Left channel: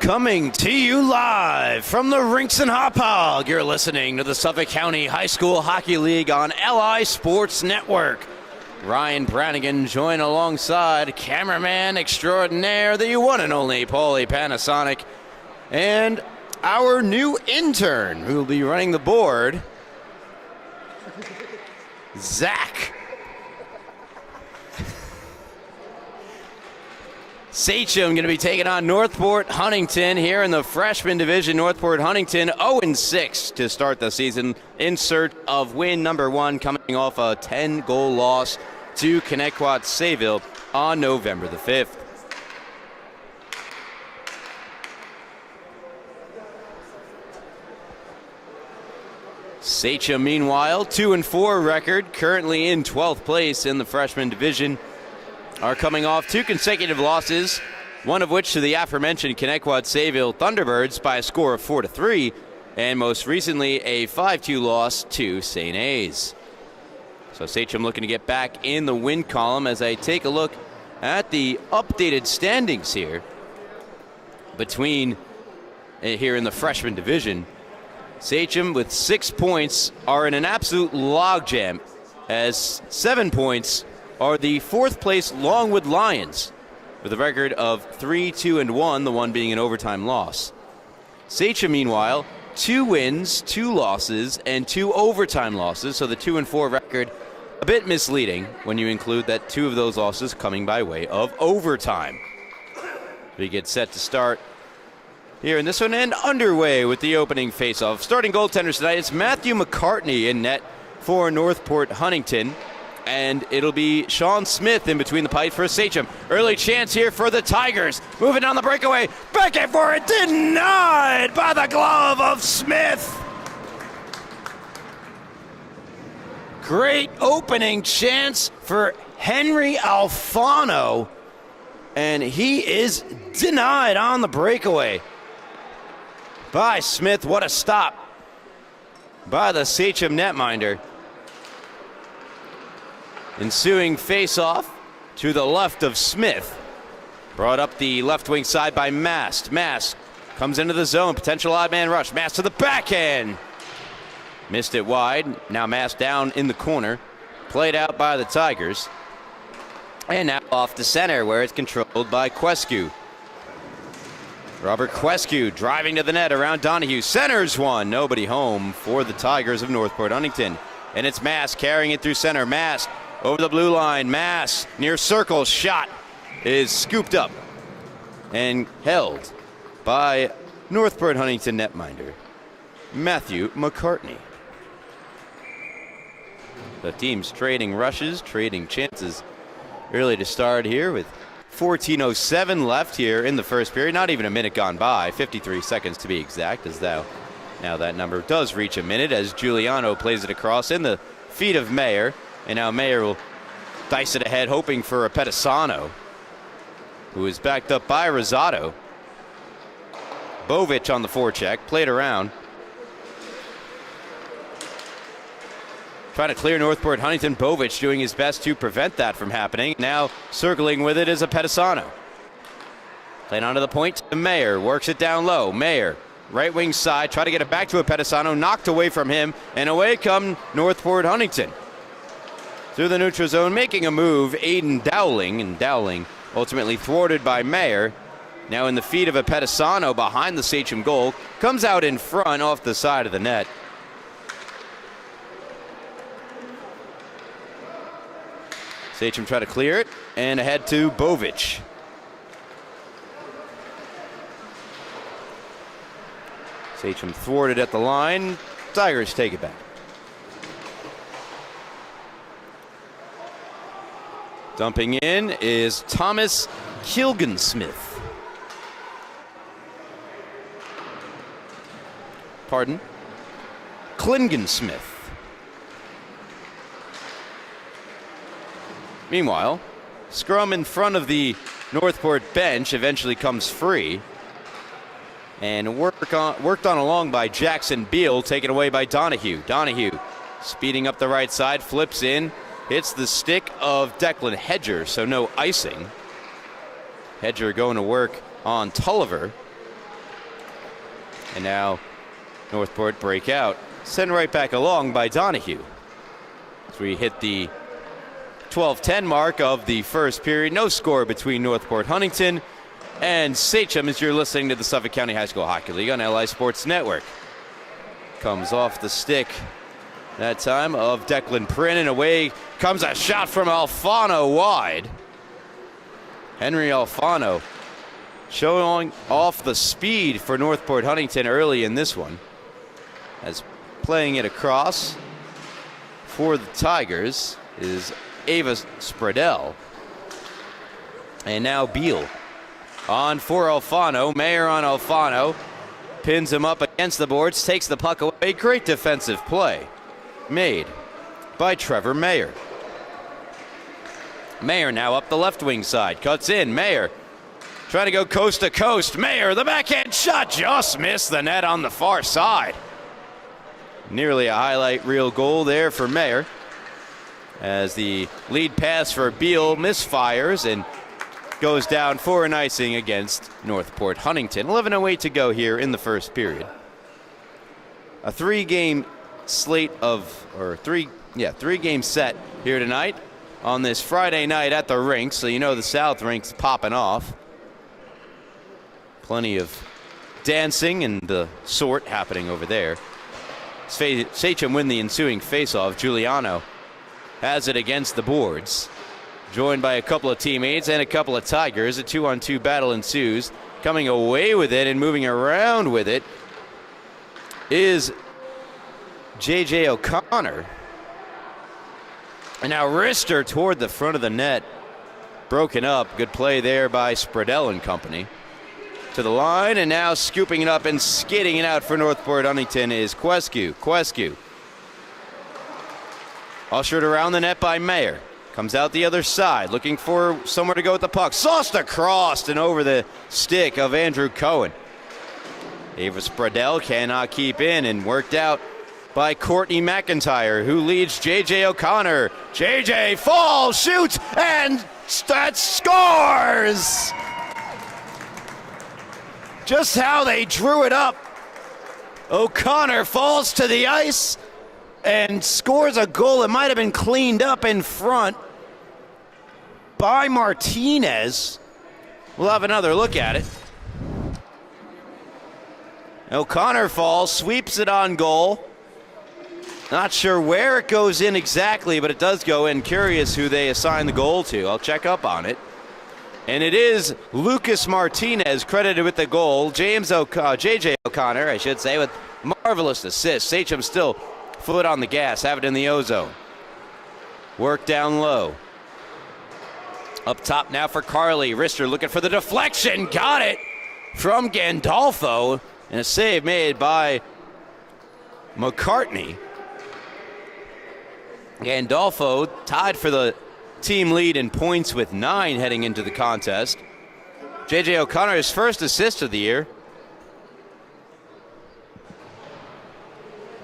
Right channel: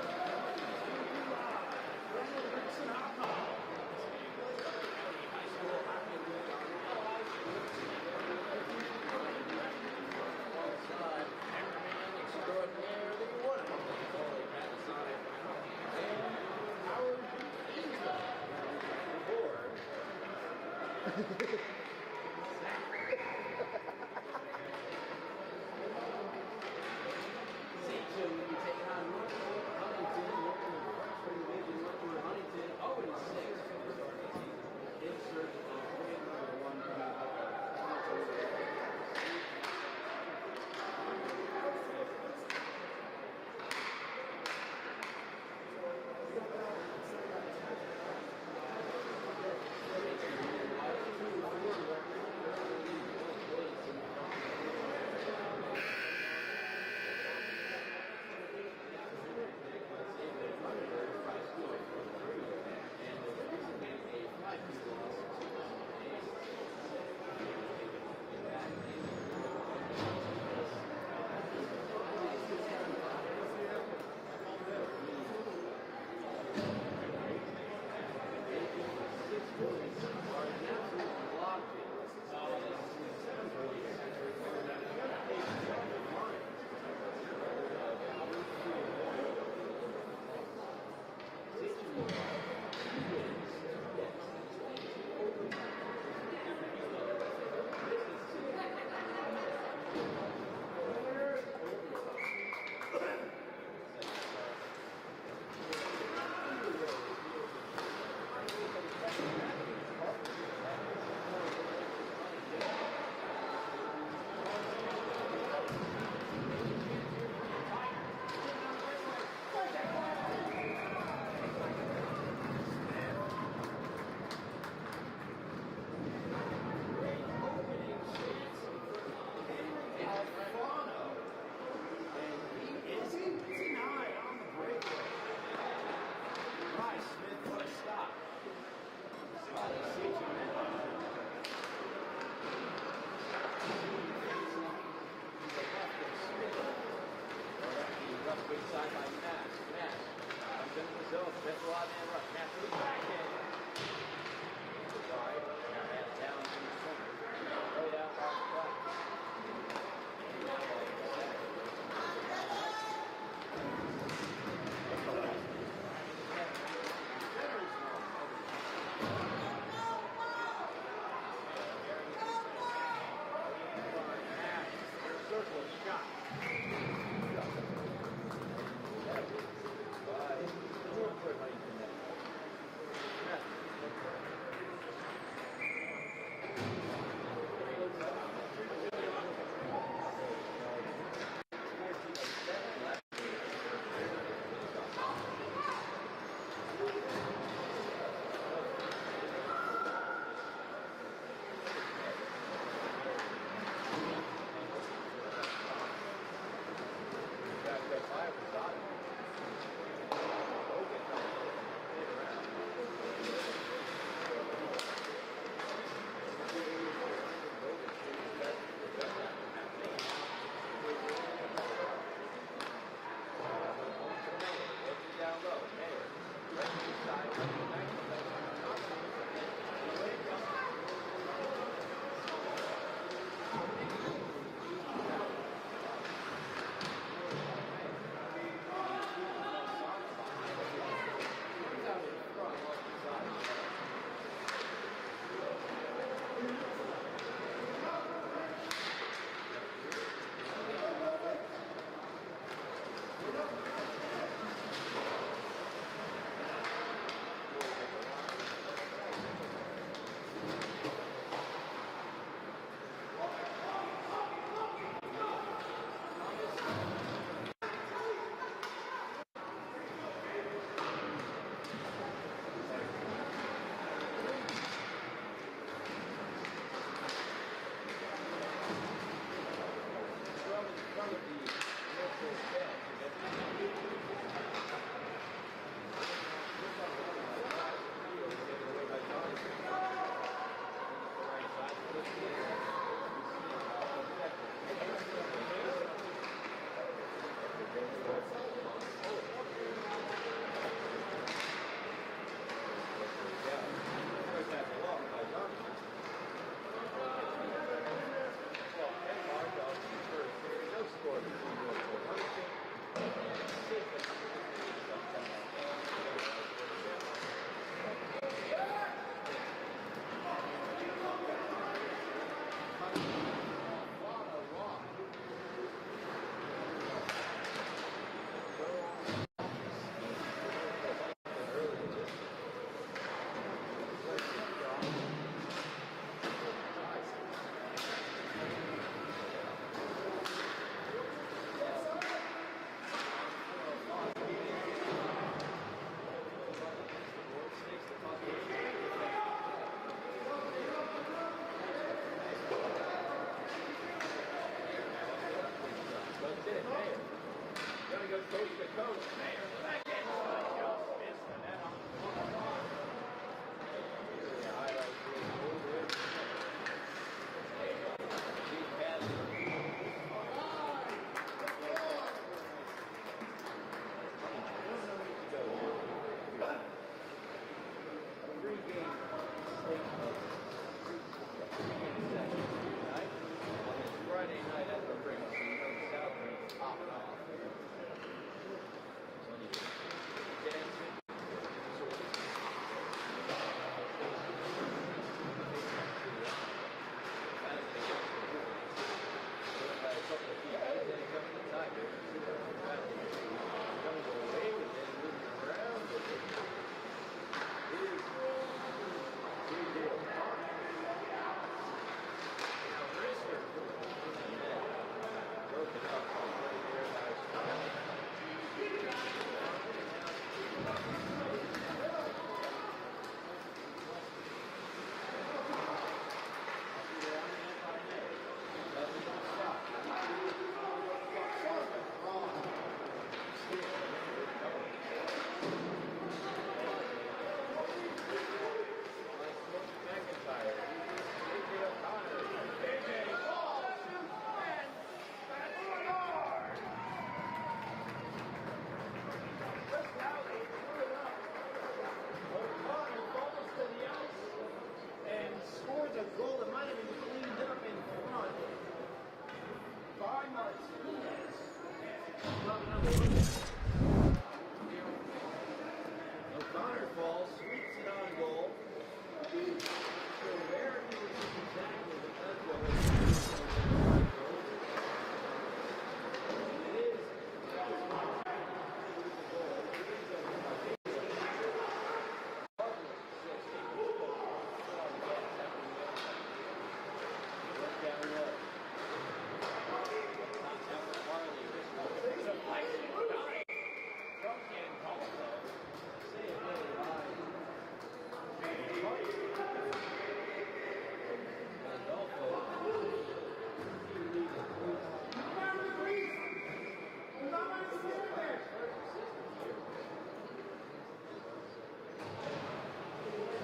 Coming to you live from the rinks in Hauppauge, you're listening to the Suffolk County High School Hockey League on LI Sports Network. Ryan Brannigan joined alongside cameraman extraordinaire, the one and only Paulie Panasonic, and our new intern who will be running the board, Zach. Sachem going to be taking on Northport Huntington here in the freshman division. Northport Huntington 0-6 to start the season in search of win number 1, coming off a 10-goal loss to Connecticut-Sayville on November the 5th. Sachem, meanwhile, 2-4 record, currently in 12th place in the freshman division, are coming off 2 consecutive losses, one of which to the aforementioned Connecticut-Sayville Thunderbirds by a score of 4-3, and most recently a 5-2 loss to St. A's. So Sachem looking to get back in the win column as I take a look at the updated standings here between here in the freshman division. Sachem with 6 points are in an absolute logjam, as 7 points are the 4th place Longwood Lions with a record of 3-2-1, the one being an overtime loss. Sachem, meanwhile, 2 wins, 2 losses, and 2 overtime losses, so the 2-4 record a bit misleading when you include that 2 of those losses coming by way of overtime. We get set to start here in this one and underway with the opening faceoff. Starting goaltenders tonight, it's Matthew McCartney in net for Northport Huntington. And it'll be Sean Smith in between the pipes for Sachem. Early chance here for the Tigers. Moving on the breakaway. Back in for it. Denied by the glove of Smith. Great opening chance for Henry Alfano. And he is denied on the breakaway by Smith. What a stop by the Sachem netminder. Ensuing face-off to the left of Smith. Brought up the left wing side by Mast. Mast comes into the zone. Potential odd man rush. Mast to the backhand. Missed it wide. Now Mast down in the corner. Played out by the Tigers. And now off to center where it's controlled by Quescu. Robert Quescu driving to the net around Donahue. Centers one. Nobody home for the Tigers of Northport Huntington. And it's Mast carrying it through center. Mast over the blue line. Mast near circle. Shot is scooped up and held by Northport Huntington netminder Matthew McCartney. The team's trading rushes, trading chances early to start here with 14:07 left here in the first period. Not even a minute gone by, 53 seconds to be exact, as now that number does reach a minute as Giuliano plays it across in the feet of Mayer. And now Mayer will dice it ahead, hoping for a Pedisano, who is backed up by Rosado. Bovic on the forecheck, played around. Trying to clear Northport Huntington. Bovic doing his best to prevent that from happening. Now circling with it is a Pedisano. Playing onto the point. Mayer works it down low. Mayer, right wing side, try to get it back to a Pedisano, knocked away from him, and away come Northport Huntington. Through the neutral zone, making a move, Aiden Dowling, and Dowling ultimately thwarted by Mayer. Now in the feet of a Pedisano behind the Sachem goal, comes out in front off the side of the net. Sachem try to clear it, and ahead to Bovic. Sachem thwarted at the line. Tigers take it back. Dumping in is Thomas Kilgensmith. Pardon? Klingensmith. Meanwhile, scrum in front of the Northport bench eventually comes free. And worked on along by Jackson Beal, taken away by Donahue. Donahue speeding up the right side, flips in, hits the stick of Declan Hedger, so no icing. Hedger going to work on Tulliver. And now Northport break out, sent right back along by Donahue. As we hit the 12:10 mark of the first period. No score between Northport Huntington and Sachem as you're listening to the Suffolk County High School Hockey League on LI Sports Network. Comes off the stick that time of Declan Prin, and away comes a shot from Alfano wide. Henry Alfano showing off the speed for Northport Huntington early in this one, as playing it across for the Tigers is Ava Spradell. And now Beal on for Alfano. Mayer on Alfano. Pins him up against the boards. Takes the puck away. Great defensive play made by Trevor Mayer. Mayer now up the left wing side. Cuts in. Mayer trying to go coast to coast. Mayer, the backhand shot just missed the net on the far side. Nearly a highlight reel goal there for Mayer, as the lead pass for Beal misfires and goes down for an icing against Northport Huntington. 11:08 to go here in the first period. A three-game slate of, or three-game set here tonight on this Friday night at the rink, so you know the South rink's popping off. Plenty of dancing and the sort happening over there. Sachem win the ensuing faceoff. Giuliano has it against the boards, joined by a couple of teammates and a couple of Tigers. A 2-on-2 battle ensues. Coming away with it and moving around with it is J.J. O'Connor. And now wrister toward the front of the net. Broken up. Good play there by Spradell and company. To the line, and now scooping it up and skidding it out for Northport Huntington is Quescu. Ushered around the net by Mayer. Comes out the other side, looking for somewhere to go with the puck. Sauced across and over the stick of Andrew Cohen. Ava Spradell cannot keep in, and worked out by Courtney McIntyre, who leads J.J. O'Connor. J.J. falls, shoots, and that scores! Just how they drew it up. O'Connor falls to the ice and scores a goal that might have been cleaned up in front by Martinez. We'll have another look at it. O'Connor falls, sweeps it on goal. Not sure where it goes in exactly, but it does go in. Curious who they assign the goal to. I'll check up on it. And it is Lucas Martinez credited with the goal. J.J. O'Connor, I should say, with marvelous assist. Sachem still foot on the gas, have it in the O-zone. Work down low. Up top now for Carly. Rister looking for the deflection. Got it from Gandolfo. And a save made by McCartney. Gandolfo tied for the team lead in points with 9 heading into the contest. J.J. O'Connor, his first assist of the year.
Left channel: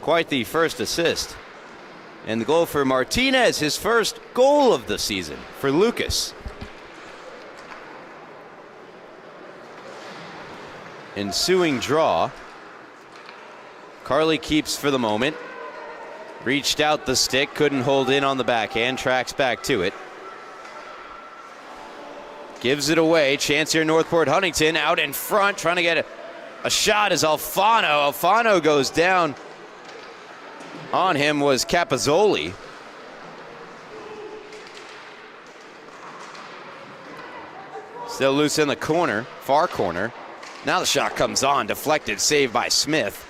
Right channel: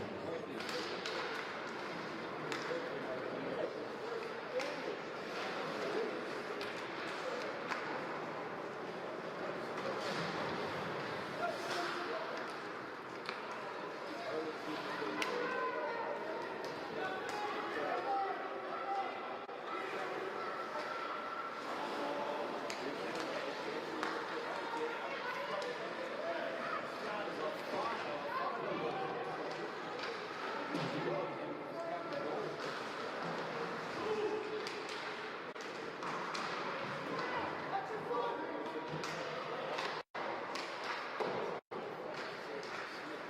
Quite the first assist. And the goal for Martinez, his first goal of the season for Lucas. Ensuing draw. Carly keeps for the moment. Reached out the stick, couldn't hold in on the backhand, tracks back to it. Gives it away, chance here Northport Huntington out in front, trying to get a shot is Alfano. Alfano goes down. On him was Capozzoli. Still loose in the corner, far corner. Now the shot comes on, deflected, saved by Smith.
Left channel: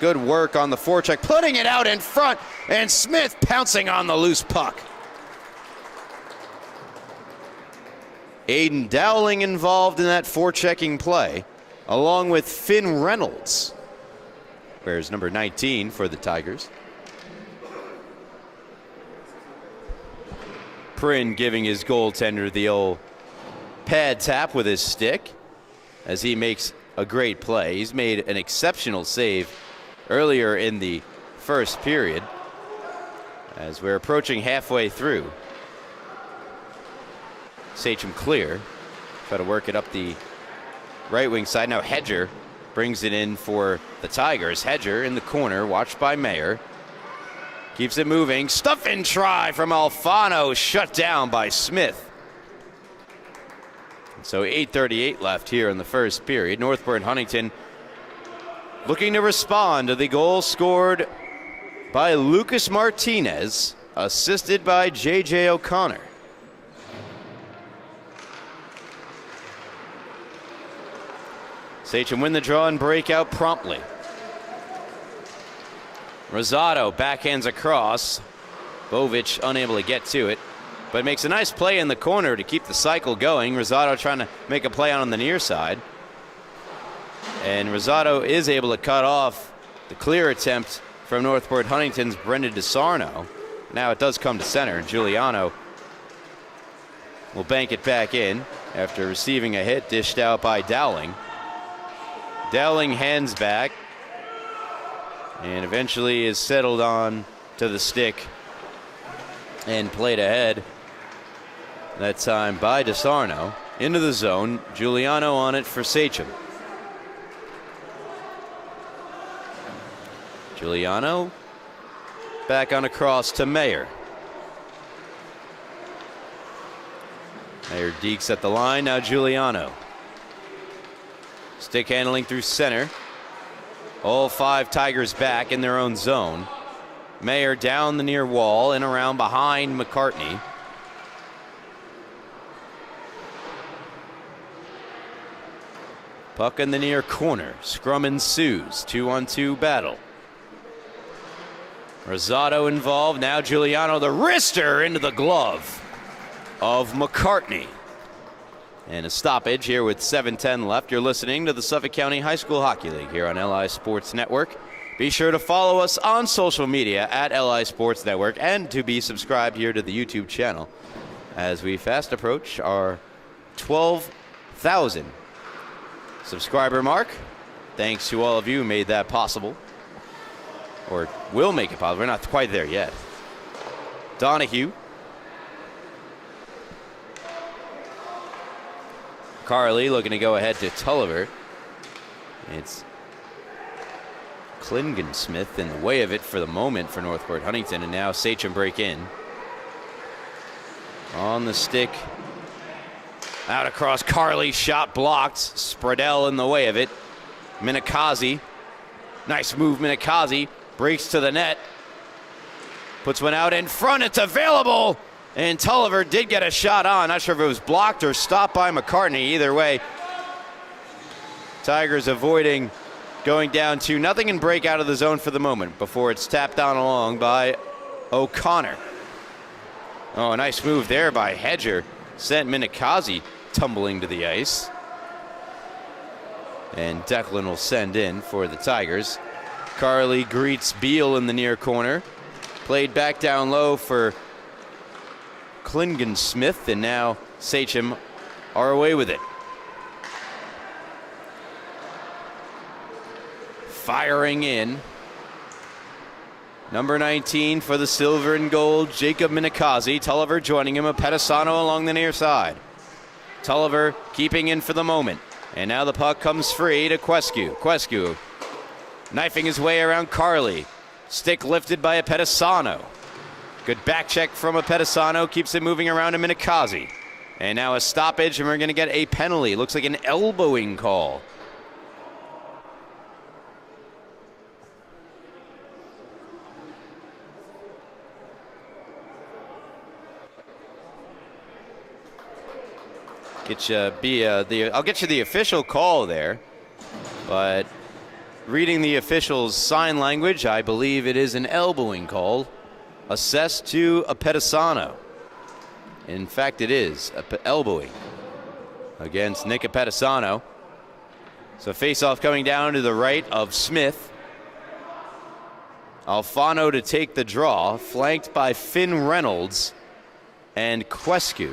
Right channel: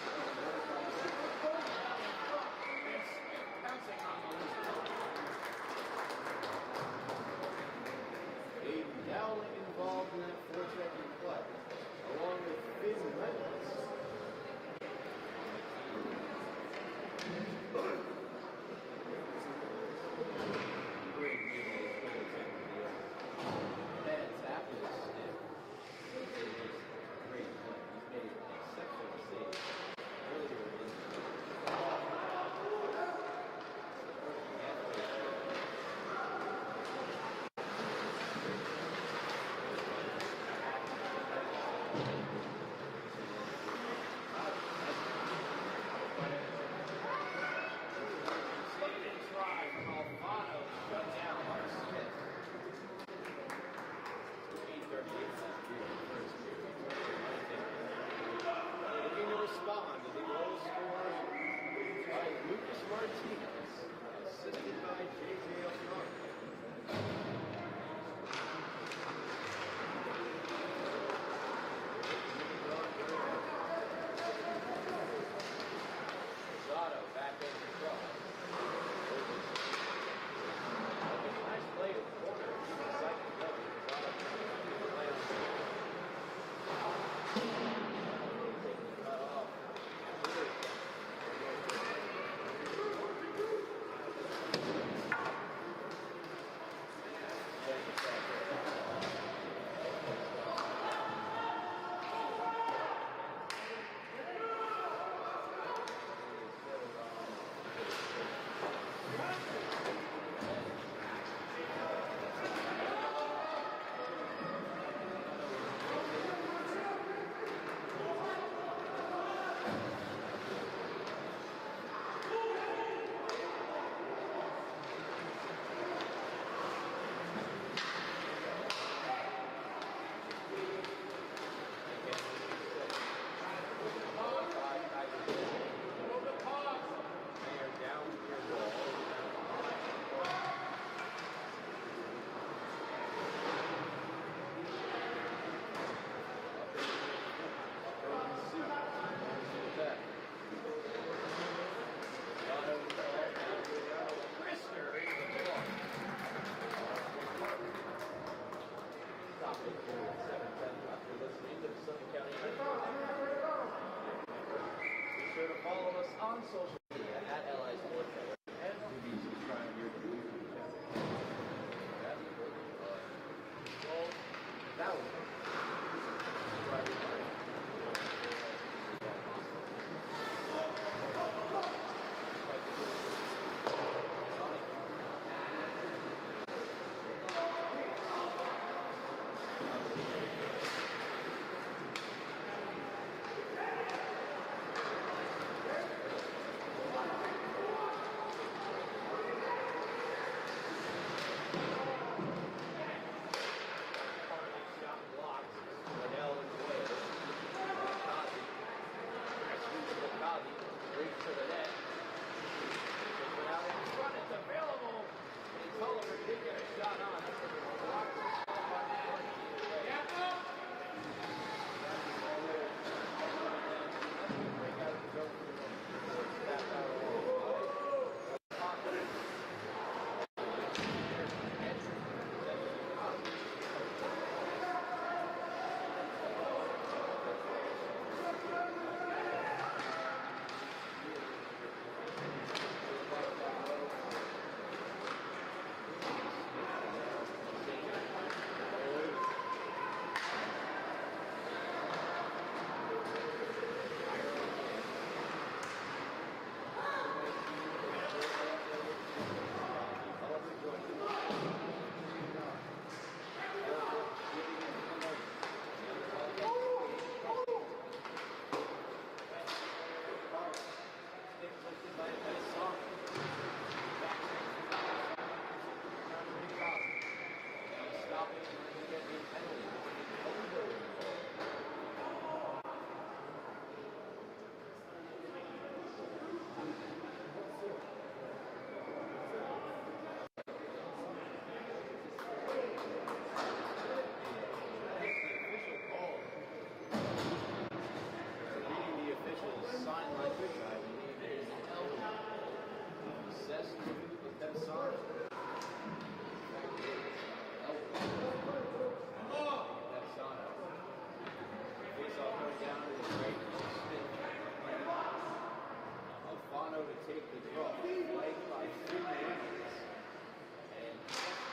Good work on the forecheck, putting it out in front, and Smith pouncing on the loose puck. Aiden Dowling involved in that forechecking play, along with Finn Reynolds. Wears number 19 for the Tigers. Prin giving his goaltender the old pad tap with his stick as he makes a great play. He's made an exceptional save earlier in the first period as we're approaching halfway through. Sachem clear. Try to work it up the right wing side. Now Hedger brings it in for the Tigers. Hedger in the corner, watched by Mayer. Keeps it moving. Stuff and try from Alfano, shut down by Smith. So 8:38 left here in the first period. Northport Huntington looking to respond to the goal scored by Lucas Martinez, assisted by J.J. O'Connor. Sachem win the draw and break out promptly. Rosado backhands across. Bovic unable to get to it, but makes a nice play in the corner to keep the cycle going. Rosado trying to make a play on the near side. And Rosado is able to cut off the clear attempt from Northport Huntington's Brendan DeSarno. Now it does come to center. Giuliano will bank it back in after receiving a hit dished out by Dowling. Dowling hands back and eventually is settled on to the stick and played ahead. That time by DeSarno into the zone. Giuliano on it for Sachem. Giuliano back on across to Mayer. Mayer dekes at the line. Now Giuliano. Stick handling through center. All 5 Tigers back in their own zone. Mayer down the near wall and around behind McCartney. Puck in the near corner. Scrum ensues. 2-on-2 battle. Rosado involved. Now Giuliano, the wrister into the glove of McCartney. And a stoppage here with 7:10 left. You're listening to the Suffolk County High School Hockey League here on LI Sports Network. Be sure to follow us on social media at LI Sports Network and to be subscribed here to the YouTube channel as we fast approach our 12,000 subscriber mark. Thanks to all of you who made that possible, or will make it possible. We're not quite there yet. Donahue. Carly looking to go ahead to Tulliver. It's Klingon Smith in the way of it for the moment for Northport Huntington, and now Sachem break in. On the stick. Out across Carly, shot blocked. Spradell in the way of it. Minikazi. Nice move, Minikazi. Breaks to the net. Puts one out in front. It's available. And Tulliver did get a shot on. Not sure if it was blocked or stopped by McCartney. Either way, Tigers avoiding going down 2-0 and break out of the zone for the moment before it's tapped down along by O'Connor. Oh, a nice move there by Hedger. Sent Minikazi tumbling to the ice. And Declan will send in for the Tigers. Carly greets Beal in the near corner. Played back down low for Klingensmith, and now Sachem are away with it. Firing in. Number 19 for the silver and gold, Jacob Minikazi. Tulliver joining him, Apetisano along the near side. Tulliver keeping in for the moment. And now the puck comes free to Quescu. Quescu knifing his way around Carly. Stick lifted by Apetisano. Good back check from Apetisano, keeps it moving around to Minikazi. And now a stoppage, and we're going to get a penalty. Looks like an elbowing call. I'll get you the official call there, but reading the official's sign language, I believe it is an elbowing call assessed to Apetisano. In fact, it is elbowing against Nick Apetisano. So face-off coming down to the right of Smith. Alfano to take the draw, flanked by Finn Reynolds, and Quescu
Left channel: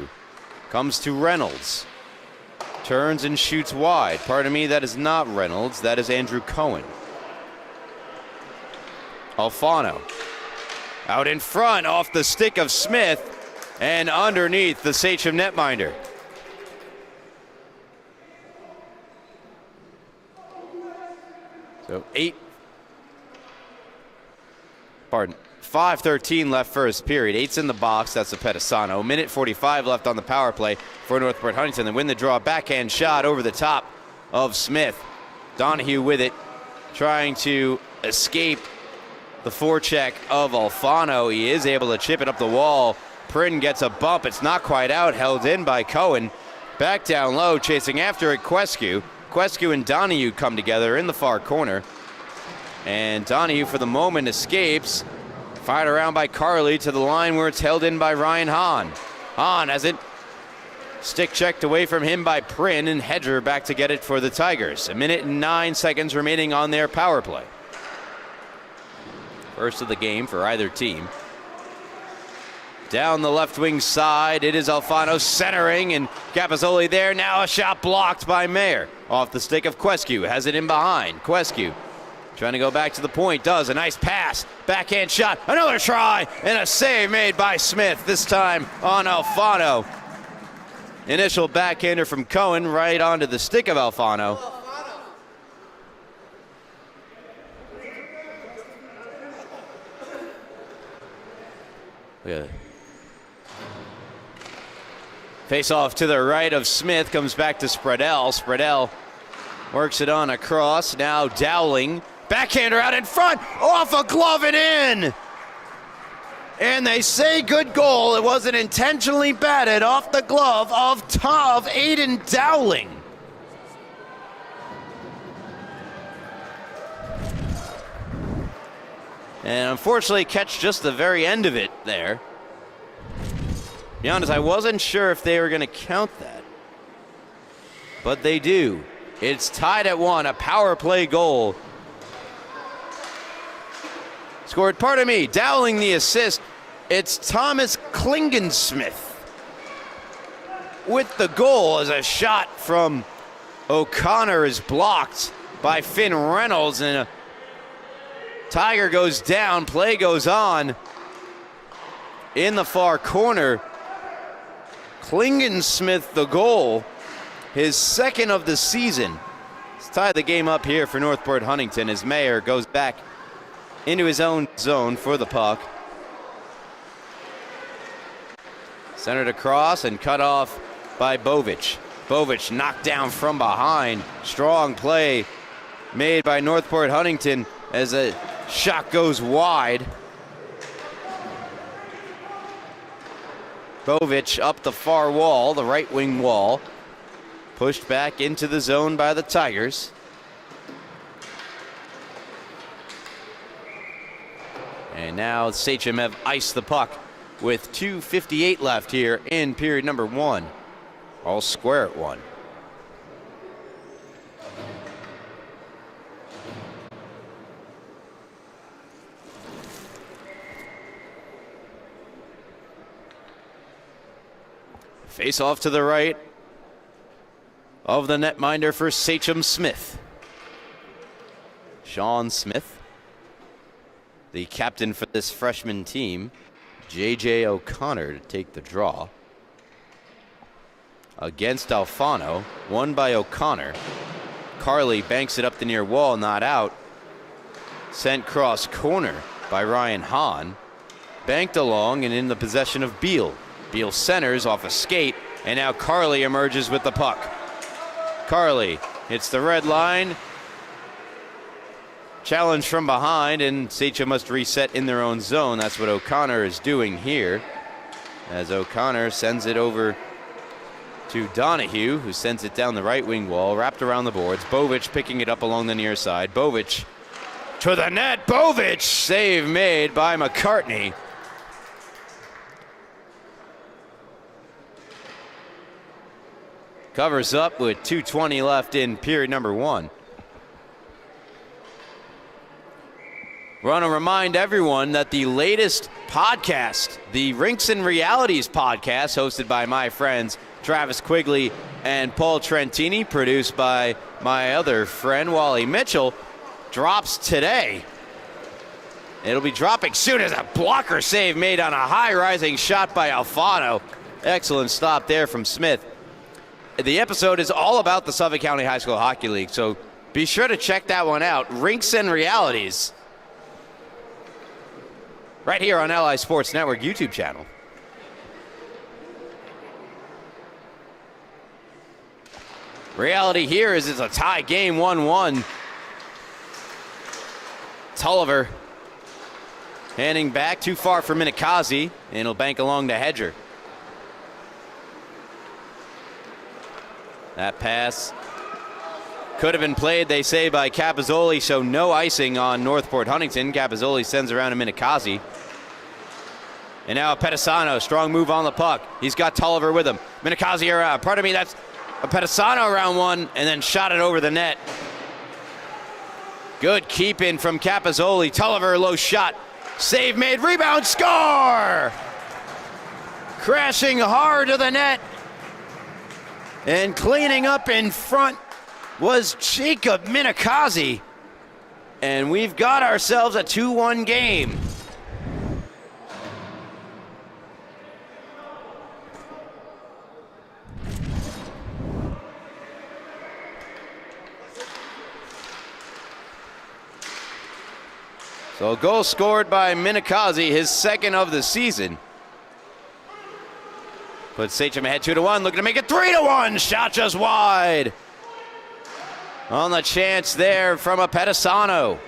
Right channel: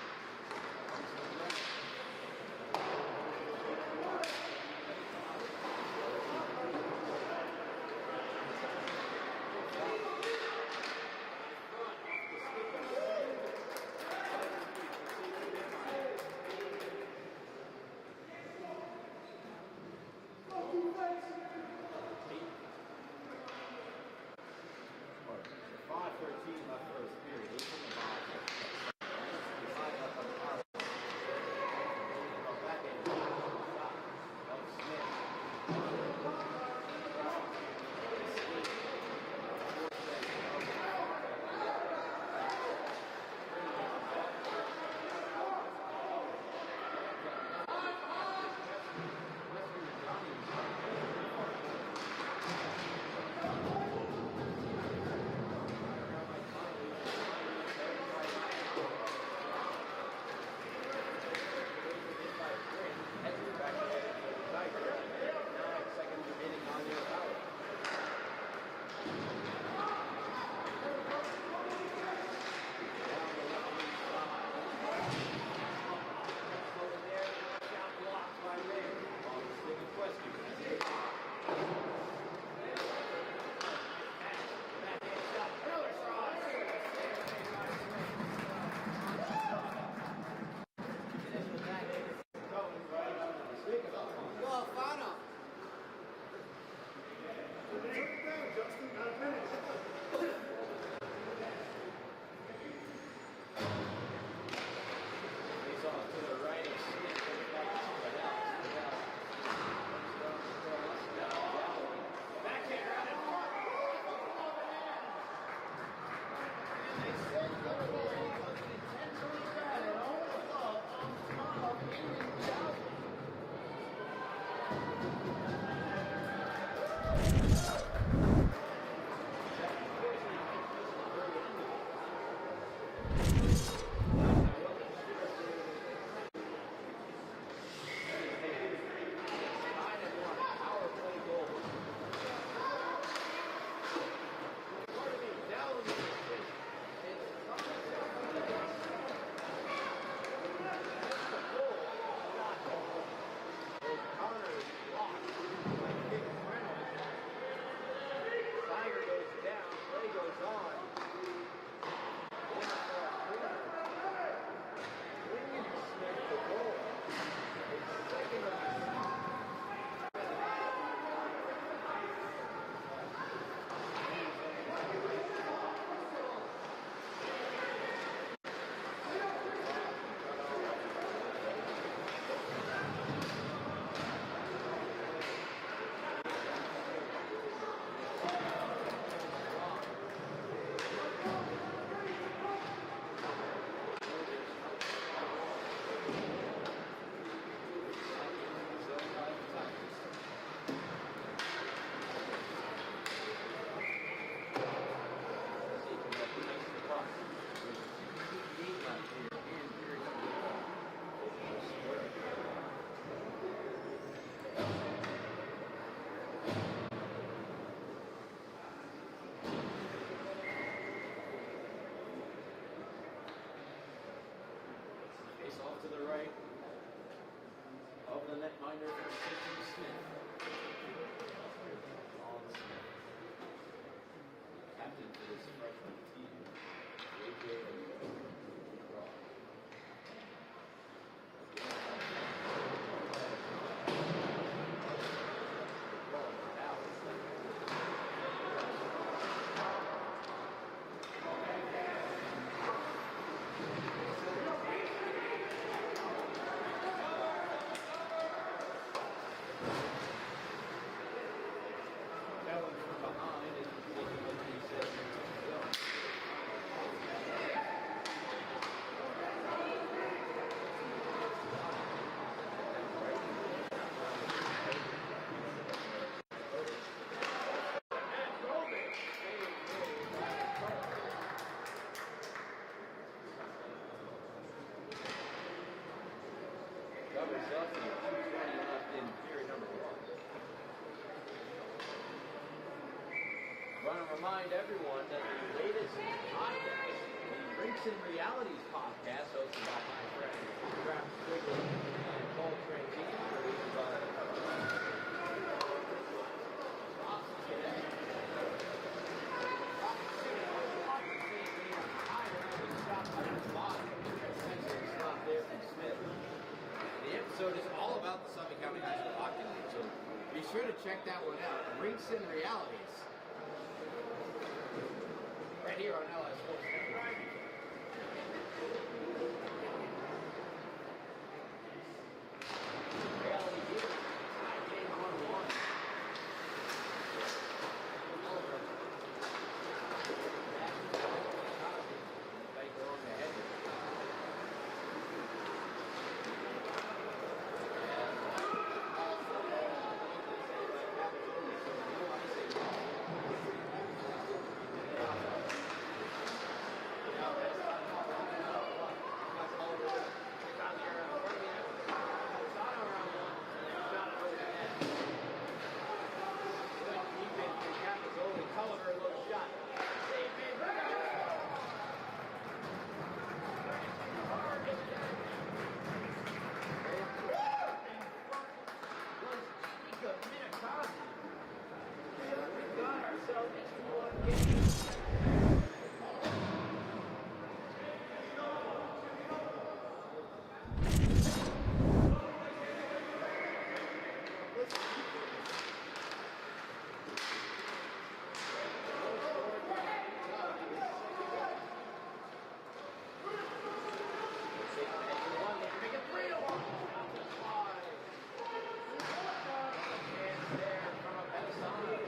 comes to Reynolds. Turns and shoots wide. Pardon me, that is not Reynolds. That is Andrew Cohen. Alfano out in front off the stick of Smith and underneath the Sachem netminder. So 5:13 left first period. 8's in the box. That's Apetisano. Minute 45 left on the power play for Northport Huntington. They win the draw. Backhand shot over the top of Smith. Donahue with it, trying to escape the forecheck of Alfano. He is able to chip it up the wall. Prin gets a bump. It's not quite out. Held in by Cohen. Back down low, chasing after it, Quescu. Quescu and Donahue come together in the far corner. And Donahue, for the moment, escapes. Fired around by Carly to the line where it's held in by Ryan Hahn. Hahn has it. Stick checked away from him by Prin, and Hedger back to get it for the Tigers. 1 minute and 9 seconds remaining on their power play. First of the game for either team. Down the left wing side, it is Alfano centering, and Capozzoli there. Now a shot blocked by Mayer. Off the stick of Quescu, has it in behind. Quescu trying to go back to the point, does a nice pass, backhand shot, another try, and a save made by Smith, this time on Alfano. Initial backhander from Cohen right onto the stick of Alfano. Face off to the right of Smith, comes back to Spreadell. Spreadell works it on across, now Dowling. Backhander out in front, off a glove and in. And they say good goal. It wasn't intentionally batted off the glove of Aiden Dowling. And unfortunately catch just the very end of it there. To be honest, I wasn't sure if they were going to count that. But they do. It's tied at 1, a power play goal. Scored, pardon me, Dowling the assist. It's Thomas Klingensmith with the goal, as a shot from O'Connor is blocked by Finn Reynolds, and a Tiger goes down. Play goes on in the far corner. Klingensmith the goal, his second of the season. It's tied the game up here for Northport Huntington as Mayer goes back into his own zone for the puck. Centered across and cut off by Bovic. Bovic knocked down from behind. Strong play made by Northport Huntington as a shot goes wide. Bovic up the far wall, the right wing wall. Pushed back into the zone by the Tigers. And now Sachem have iced the puck with 2:58 left here in period number 1. All square at 1. Face off to the right of the netminder for Sachem Smith. Sean Smith, the captain for this freshman team. J.J. O'Connor to take the draw. Against Alfano, won by O'Connor. Carly banks it up the near wall, not out. Sent cross corner by Ryan Hahn. Banked along and in the possession of Beal. Beal centers off a skate, and now Carly emerges with the puck. Carly hits the red line. Challenge from behind, and Sachem must reset in their own zone. That's what O'Connor is doing here, as O'Connor sends it over to Donahue, who sends it down the right wing wall, wrapped around the boards. Bovich picking it up along the near side. Bovich to the net. Bovich, save made by McCartney. Covers up with 2:20 left in period number 1. We want to remind everyone that the latest podcast, the Rinks and Realities podcast, hosted by my friends Travis Quigley and Paul Trentini, produced by my other friend Wally Mitchell, drops today. It'll be dropping soon as a blocker save made on a high-rising shot by Alfano. Excellent stop there from Smith. The episode is all about the Suffolk County High School Hockey League, so be sure to check that one out. Rinks and Realities. Right here on LI Sports Network YouTube channel. Reality here is it's a tie game, 1-1. Tulliver handing back too far for Minikazi, and he'll bank along to Hedger. That pass could have been played, they say, by Capozzoli, so no icing on Northport Huntington. Capozzoli sends around to Minikazi. And now Pedisano, strong move on the puck. He's got Tulliver with him. Minikazi around, pardon me, that's a Pedisano around one, and then shot it over the net. Good keeping from Capozzoli. Tulliver, low shot. Save made, rebound, score! Crashing hard to the net. And cleaning up in front was Jacob Minikazi. And we've got ourselves a 2-1 game. So a goal scored by Minikazi, his second of the season. Put Sachem ahead 2-1, looking to make it 3-1. Shot just wide. On the chance there from a Pedisano.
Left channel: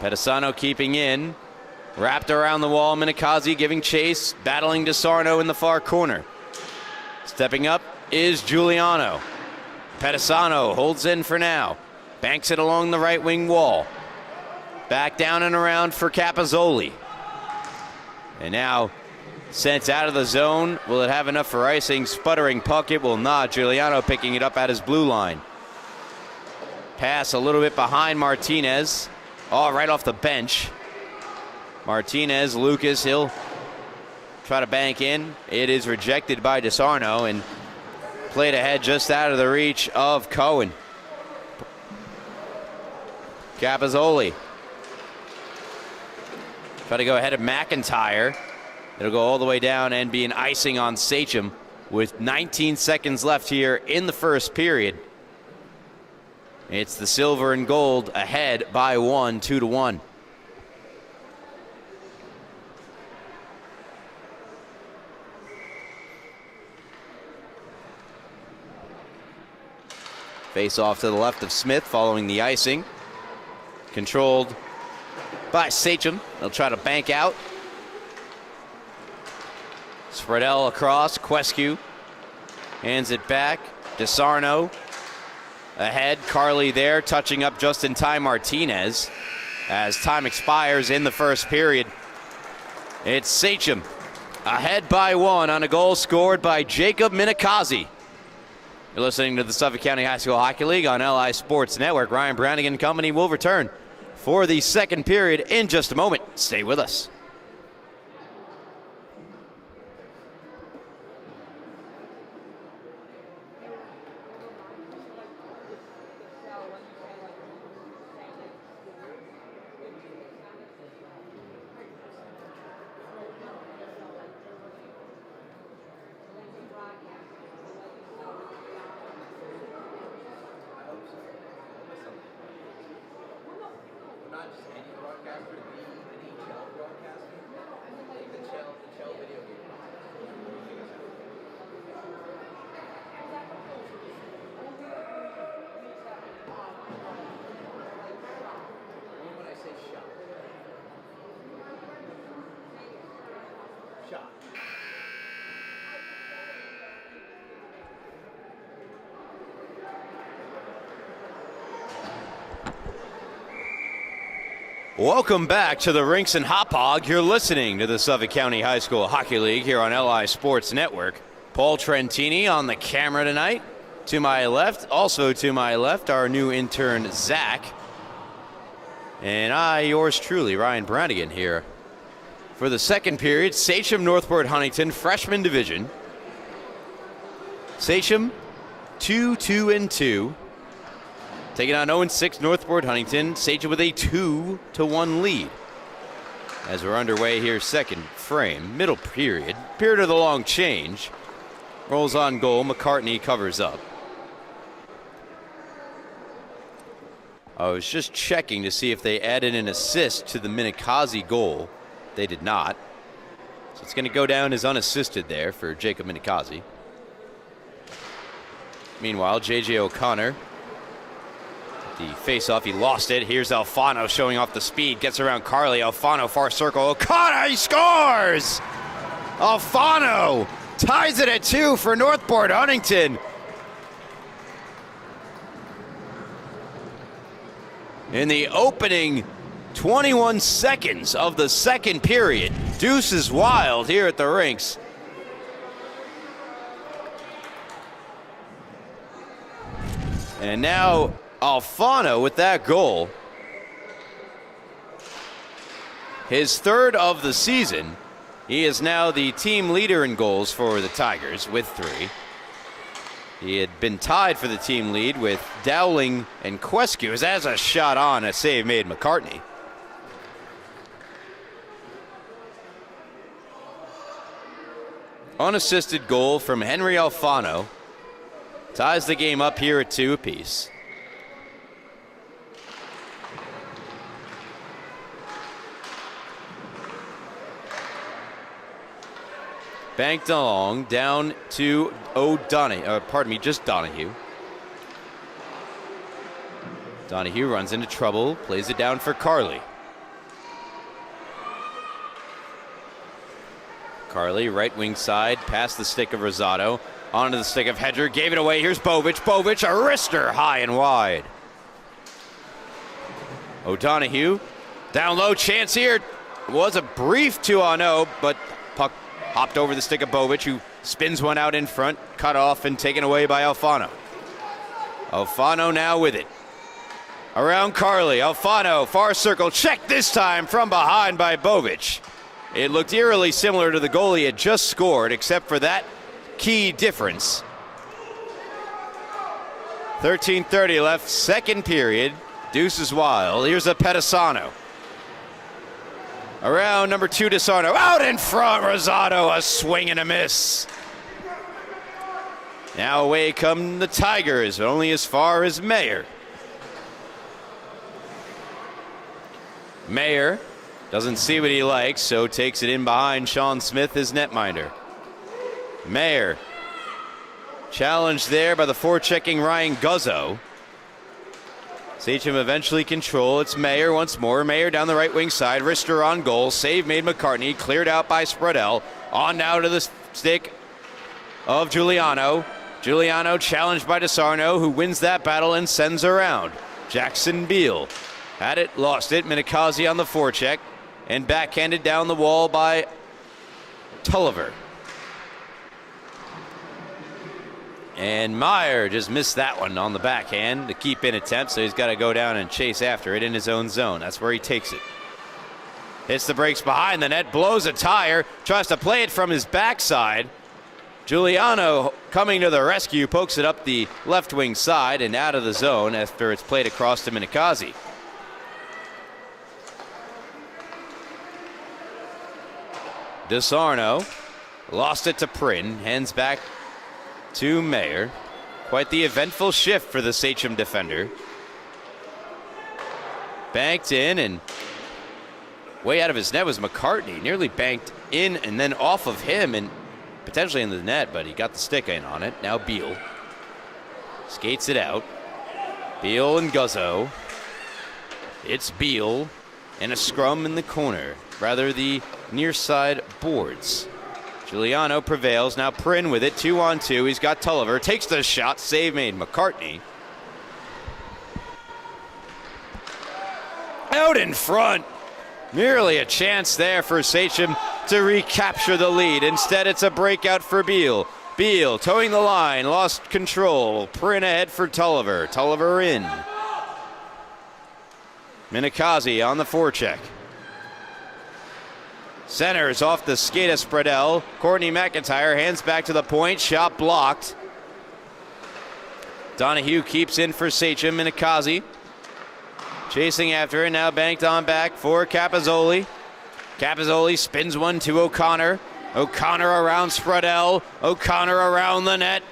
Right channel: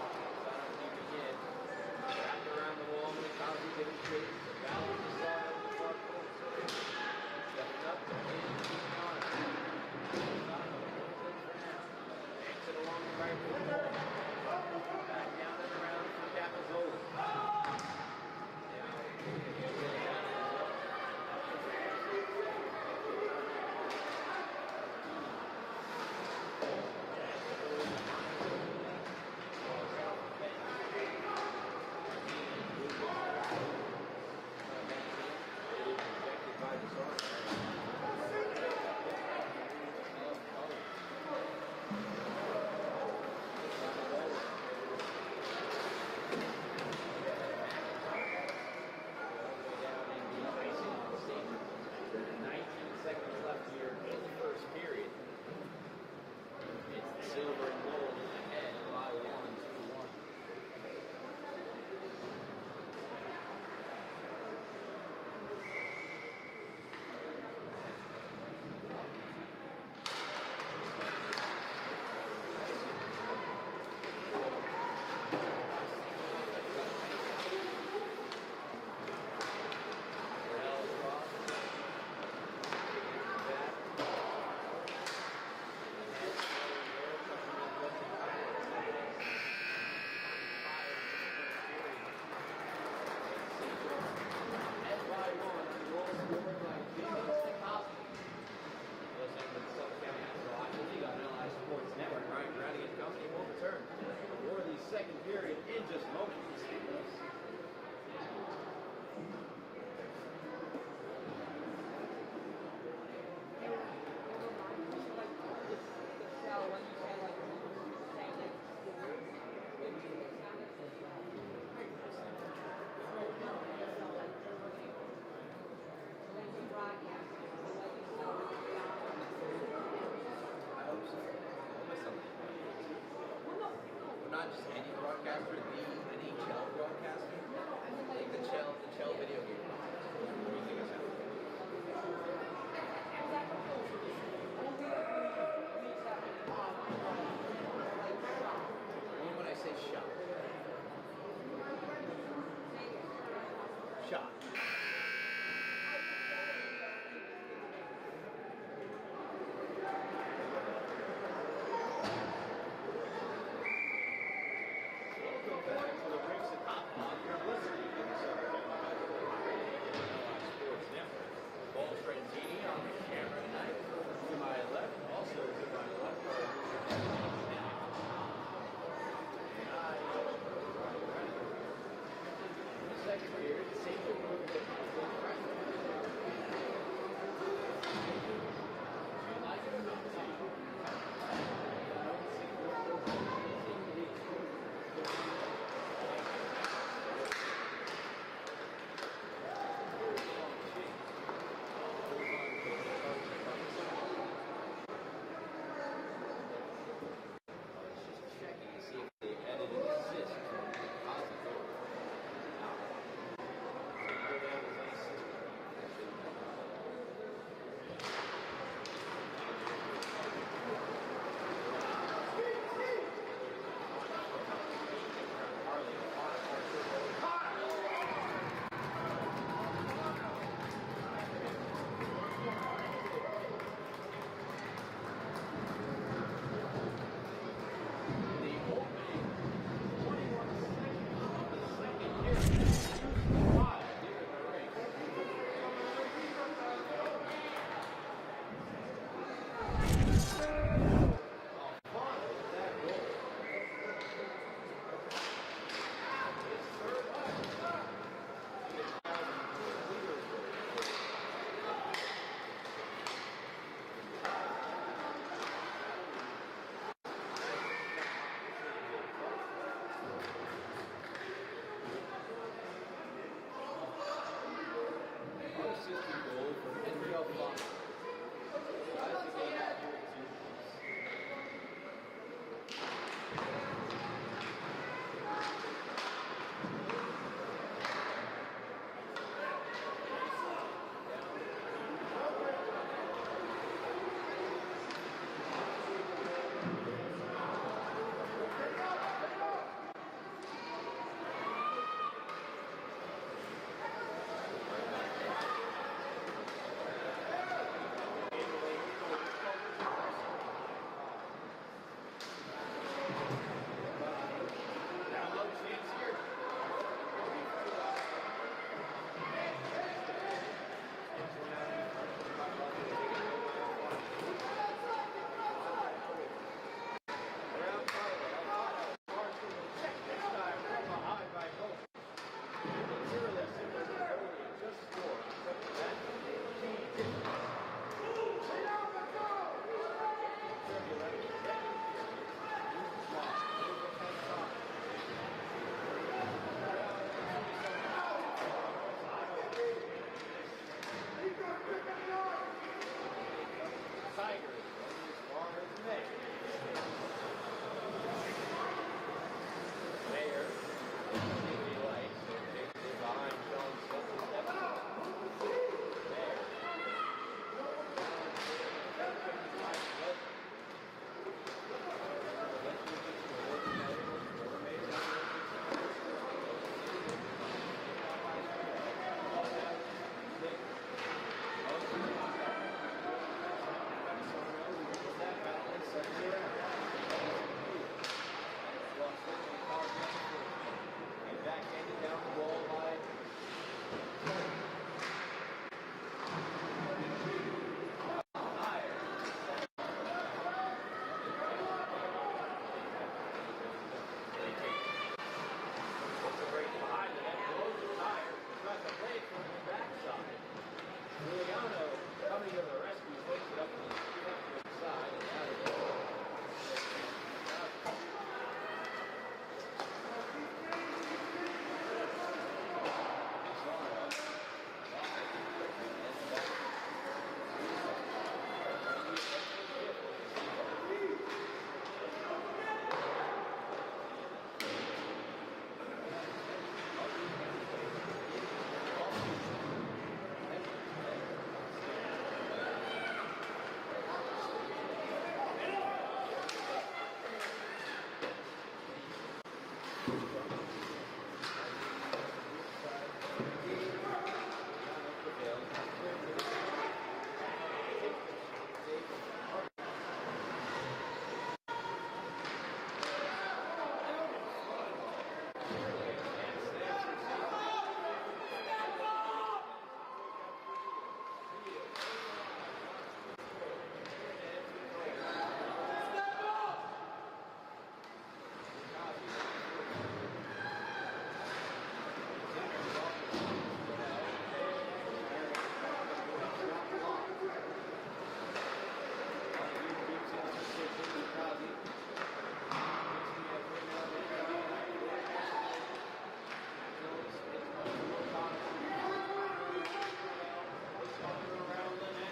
Pedisano keeping in. Wrapped around the wall, Minikazi giving chase, battling DeSarno in the far corner. Stepping up is Giuliano. Pedisano holds in for now. Banks it along the right wing wall. Back down and around for Capozzoli. And now sent out of the zone. Will it have enough for icing? Sputtering puck, it will not. Giuliano picking it up at his blue line. Pass a little bit behind Martinez. Oh, right off the bench. Martinez, Lucas, he'll try to bank in. It is rejected by DeSarno and played ahead just out of the reach of Cohen. Capozzoli. Try to go ahead of McIntyre. It'll go all the way down and be an icing on Sachem with 19 seconds left here in the first period. It's the silver and gold ahead by 1, 2-1. Face off to the left of Smith following the icing. Controlled by Sachem. They'll try to bank out. Spreadell across. Quescu hands it back. DeSarno ahead. Carly there, touching up just in time. Martinez as time expires in the first period. It's Sachem ahead by 1 on a goal scored by Jacob Minikazi. You're listening to the Suffolk County High School Hockey League on LI Sports Network. Ryan Brannigan and company will return for the second period in just a moment. Stay with us. Welcome back to the Rinks and Hop Hog. You're listening to the Suffolk County High School Hockey League here on LI Sports Network. Paul Trentini on the camera tonight. To my left, also to my left, our new intern, Zach. And I, yours truly, Ryan Brannigan here. For the second period, Sachem, Northport, Huntington, freshman division. Sachem, 2-2-2. Taking on 0-6 Northport Huntington. Sachem with a 2-1 lead. As we're underway here, second frame, middle period. Period of the long change. Rolls on goal. McCartney covers up. I was just checking to see if they added an assist to the Minikazi goal. They did not. So it's going to go down as unassisted there for Jacob Minikazi. Meanwhile, J.J. O'Connor. The face-off, he lost it. Here's Alfano showing off the speed. Gets around Carly. Alfano, far circle. O'Connor, he scores! Alfano ties it at 2 for Northport Huntington. In the opening 21 seconds of the second period, deuce is wild here at the rinks. And now Alfano with that goal. His third of the season. He is now the team leader in goals for the Tigers with 3. He had been tied for the team lead with Dowling and Quescu. As a shot on, a save made McCartney. Unassisted goal from Henry Alfano. Ties the game up here at 2 apiece. Banked along, down to just Donahue. Donahue runs into trouble, plays it down for Carly. Carly, right wing side, past the stick of Rosado, onto the stick of Hedger, gave it away. Here's Bovich. Bovich, a wrister, high and wide. O'Donohue, down low, chance here. It was a brief 2-on-0, but puck hopped over the stick of Bovich, who spins one out in front, cut off and taken away by Alfano. Alfano now with it. Around Carly, Alfano, far circle, checked this time from behind by Bovich. It looked eerily similar to the goal he had just scored, except for that key difference. 13:30 left, second period. Deuce is wild. Here's a Pedisano. Around number 2, DeSarno. Out in front, Rosado, a swing and a miss. Now away come the Tigers, but only as far as Mayer. Mayer doesn't see what he likes, so takes it in behind Sean Smith, his netminder. Mayer challenged there by the forechecking Ryan Guzzo. Sachem eventually control. It's Mayer once more. Mayer down the right wing side. Rister on goal. Save made McCartney. Cleared out by Spreadell. On now to the stick of Giuliano. Giuliano challenged by DeSarno, who wins that battle and sends around. Jackson Beal had it, lost it. Minikazi on the forecheck and backhanded down the wall by Tulliver. And Meyer just missed that one on the backhand, the keep in attempt, so he's got to go down and chase after it in his own zone. That's where he takes it. Hits the brakes behind the net, blows a tire, tries to play it from his backside. Giuliano coming to the rescue, pokes it up the left wing side and out of the zone after it's played across to Minikazi. DeSarno lost it to Prin, hands back to Mayer. Quite the eventful shift for the Sachem defender. Banked in, and way out of his net was McCartney. Nearly banked in and then off of him and potentially in the net, but he got the stick in on it. Now Beal skates it out. Beal and Guzzo. It's Beal and a scrum in the corner, rather the near side boards. Giuliano prevails. Now Prin with it, 2-on-2. He's got Tulliver, takes the shot, save made. McCartney out in front. Merely a chance there for Sachem to recapture the lead. Instead, it's a breakout for Beal. Beal towing the line, lost control. Prin ahead for Tulliver. Tulliver in. Minikazi on the forecheck. Centers off the skate of Spreadell. Courtney McIntyre hands back to the point. Shot blocked. Donahue keeps in for Sachem. Minikazi chasing after it. Now banked on back for Capozzoli. Capozzoli spins one to O'Connor. O'Connor around Spreadell. O'Connor around the net.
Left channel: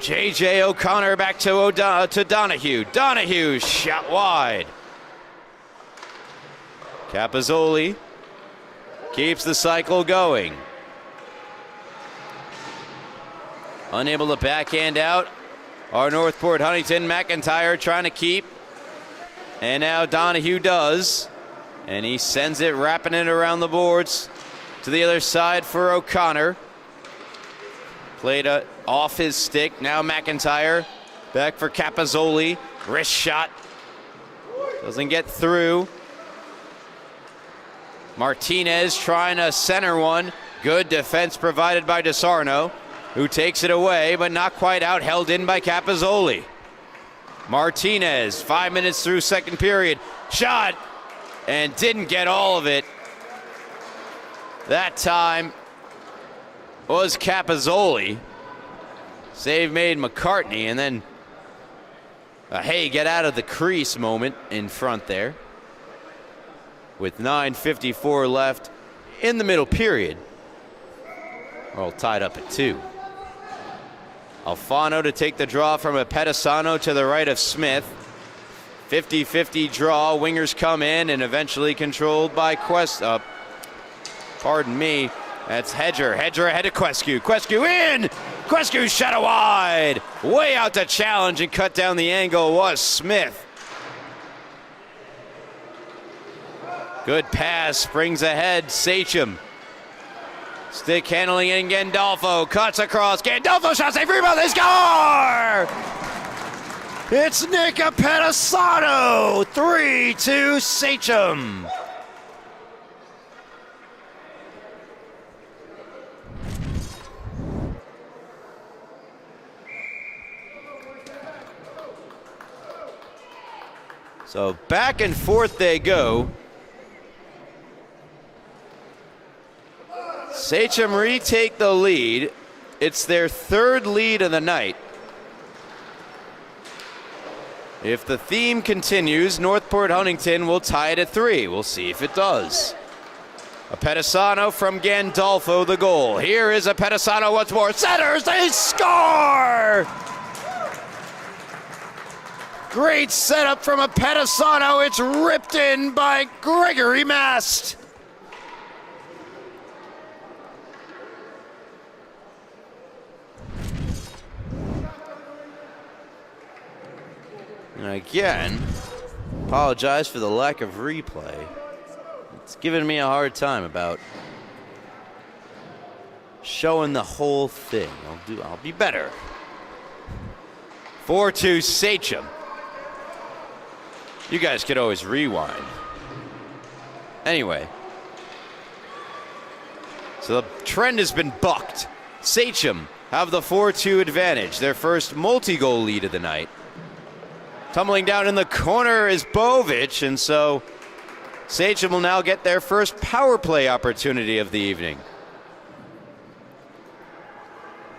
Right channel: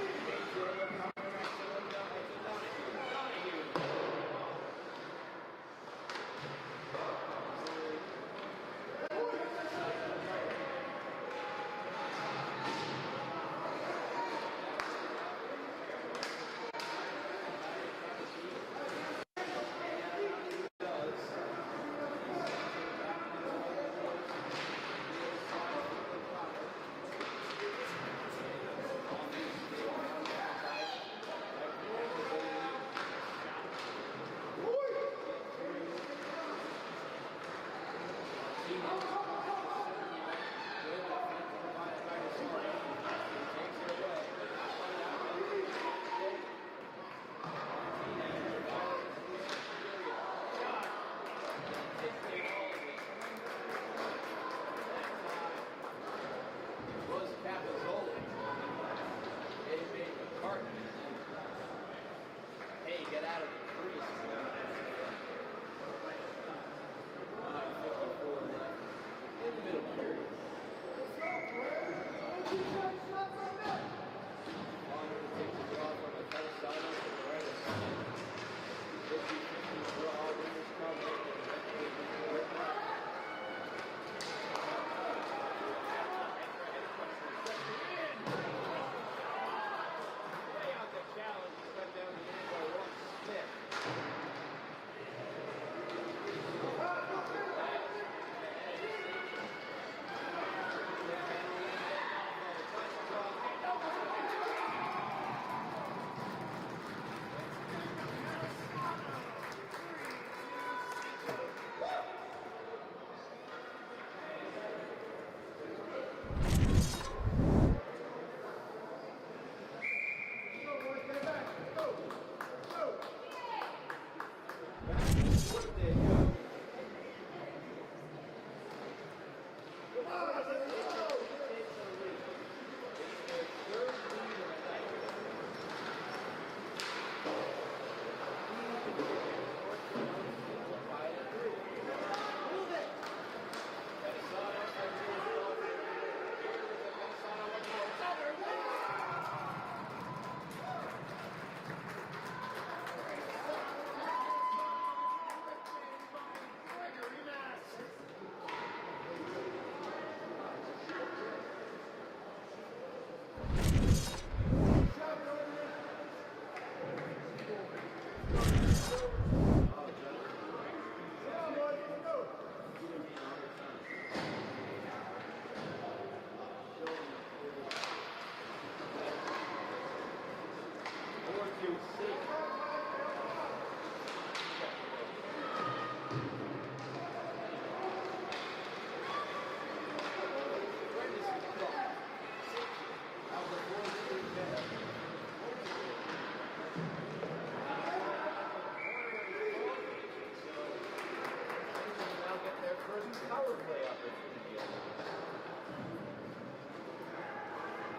J.J. O'Connor back to Donahue. Donahue shot wide. Capozzoli keeps the cycle going. Unable to backhand out. Our Northport Huntington. McIntyre trying to keep. And now Donahue does. And he sends it, wrapping it around the boards to the other side for O'Connor. Played off his stick. Now McIntyre back for Capozzoli. Wrist shot. Doesn't get through. Martinez trying to center one. Good defense provided by DeSarno, who takes it away, but not quite out. Held in by Capozzoli. Martinez, 5 minutes through second period. Shot, and didn't get all of it. That time was Capozzoli. Save made McCartney, and then a hey, get out of the crease moment in front there. With 9:54 left in the middle period. All tied up at 2. Alfano to take the draw from a Pedisano to the right of Smith. 50-50 draw. Wingers come in and eventually controlled by pardon me. That's Hedger. Hedger ahead of Quescu. Quescu in! Quescu shot it wide. Way out to challenge and cut down the angle was Smith. Good pass, brings ahead Sachem. Stick handling in Gandolfo, cuts across. Gandolfo shot save, rebound, they score! It's Nick Pedisano, 3-2 Sachem. So back and forth they go. Sachem retake the lead. It's their third lead of the night. If the theme continues, Northport Huntington will tie it at 3. We'll see if it does. A Pedisano from Gandolfo, the goal. Here is a Pedisano once more. Centers, they score! Great setup from a Pedisano. It's ripped in by Gregory Mast. And again, apologize for the lack of replay. It's giving me a hard time about showing the whole thing. I'll be better. 4-2 Sachem. You guys could always rewind. Anyway. So the trend has been bucked. Sachem have the 4-2 advantage, their first multi-goal lead of the night. Tumbling down in the corner is Bovic, and so Sachem will now get their first power play opportunity of the evening.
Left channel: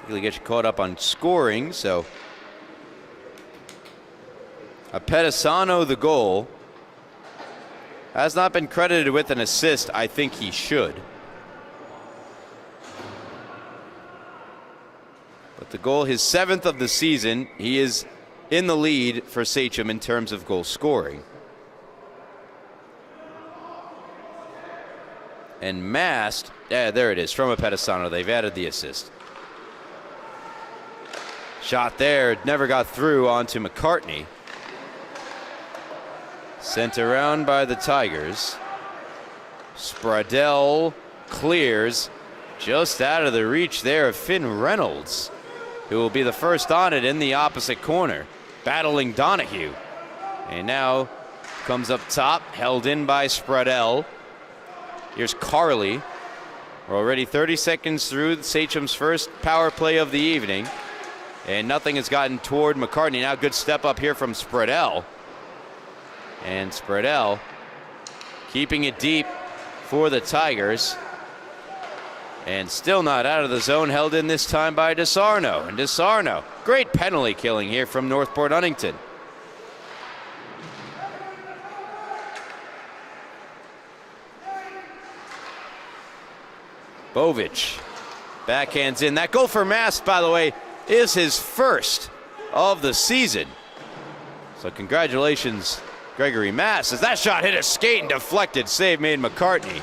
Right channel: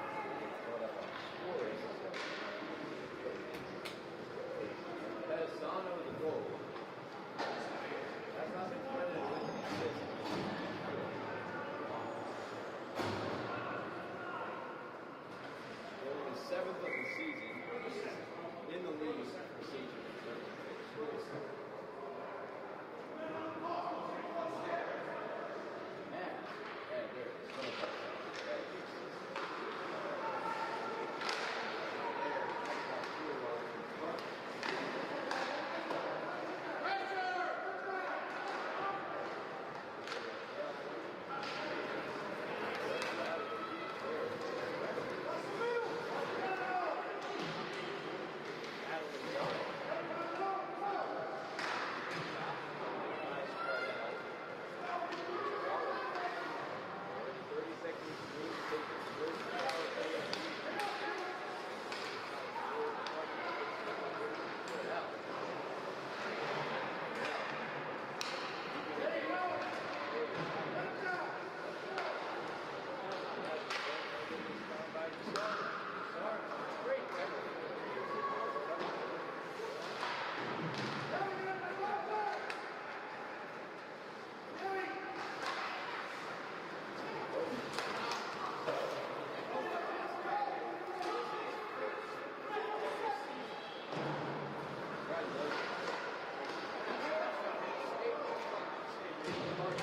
Really get you caught up on scoring, so a Pedisano the goal. Has not been credited with an assist. I think he should. But the goal, his 7th of the season, he is in the lead for Sachem in terms of goal scoring. And Mast, yeah, there it is, from a Pedisano. They've added the assist. Shot there, never got through onto McCartney. Sent around by the Tigers. Spreadell clears. just out of the reach there of Finn Reynolds, who will be the first on it in the opposite corner, battling Donahue. And now comes up top, held in by Spreadell. Here's Carly. We're already 30 seconds through Sachem's first power play of the evening, and nothing has gotten toward McCartney. Now good step up here from Spreadell. And Spreadell keeping it deep for the Tigers. And still not out of the zone, held in this time by DeSarno. And DeSarno, great penalty killing here from Northport Huntington. Bovich backhands in. That goal for Mast, by the way, is his first of the season. So congratulations, Gregory Mast, as that shot hit a skate and deflected. Save made McCartney.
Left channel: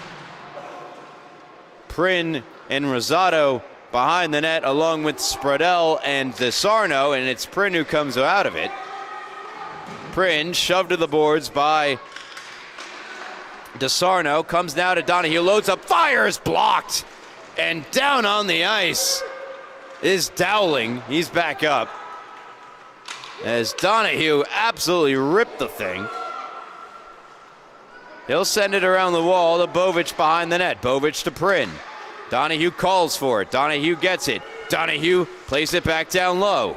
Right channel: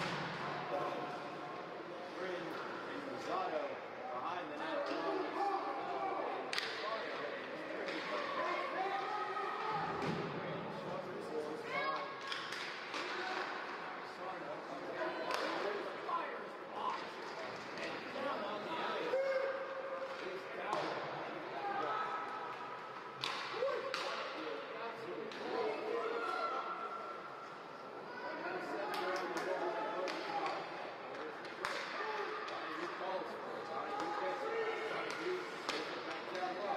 Prin and Rosado behind the net, along with Spreadell and DeSarno, and it's Prin who comes out of it. Prin shoved to the boards by DeSarno, comes now to Donahue, loads up, fires, blocked, and down on the ice is Dowling. He's back up as Donahue absolutely ripped the thing. He'll send it around the wall to Bovich behind the net. Bovich to Prin. Donahue calls for it. Donahue gets it. Donahue plays it back down low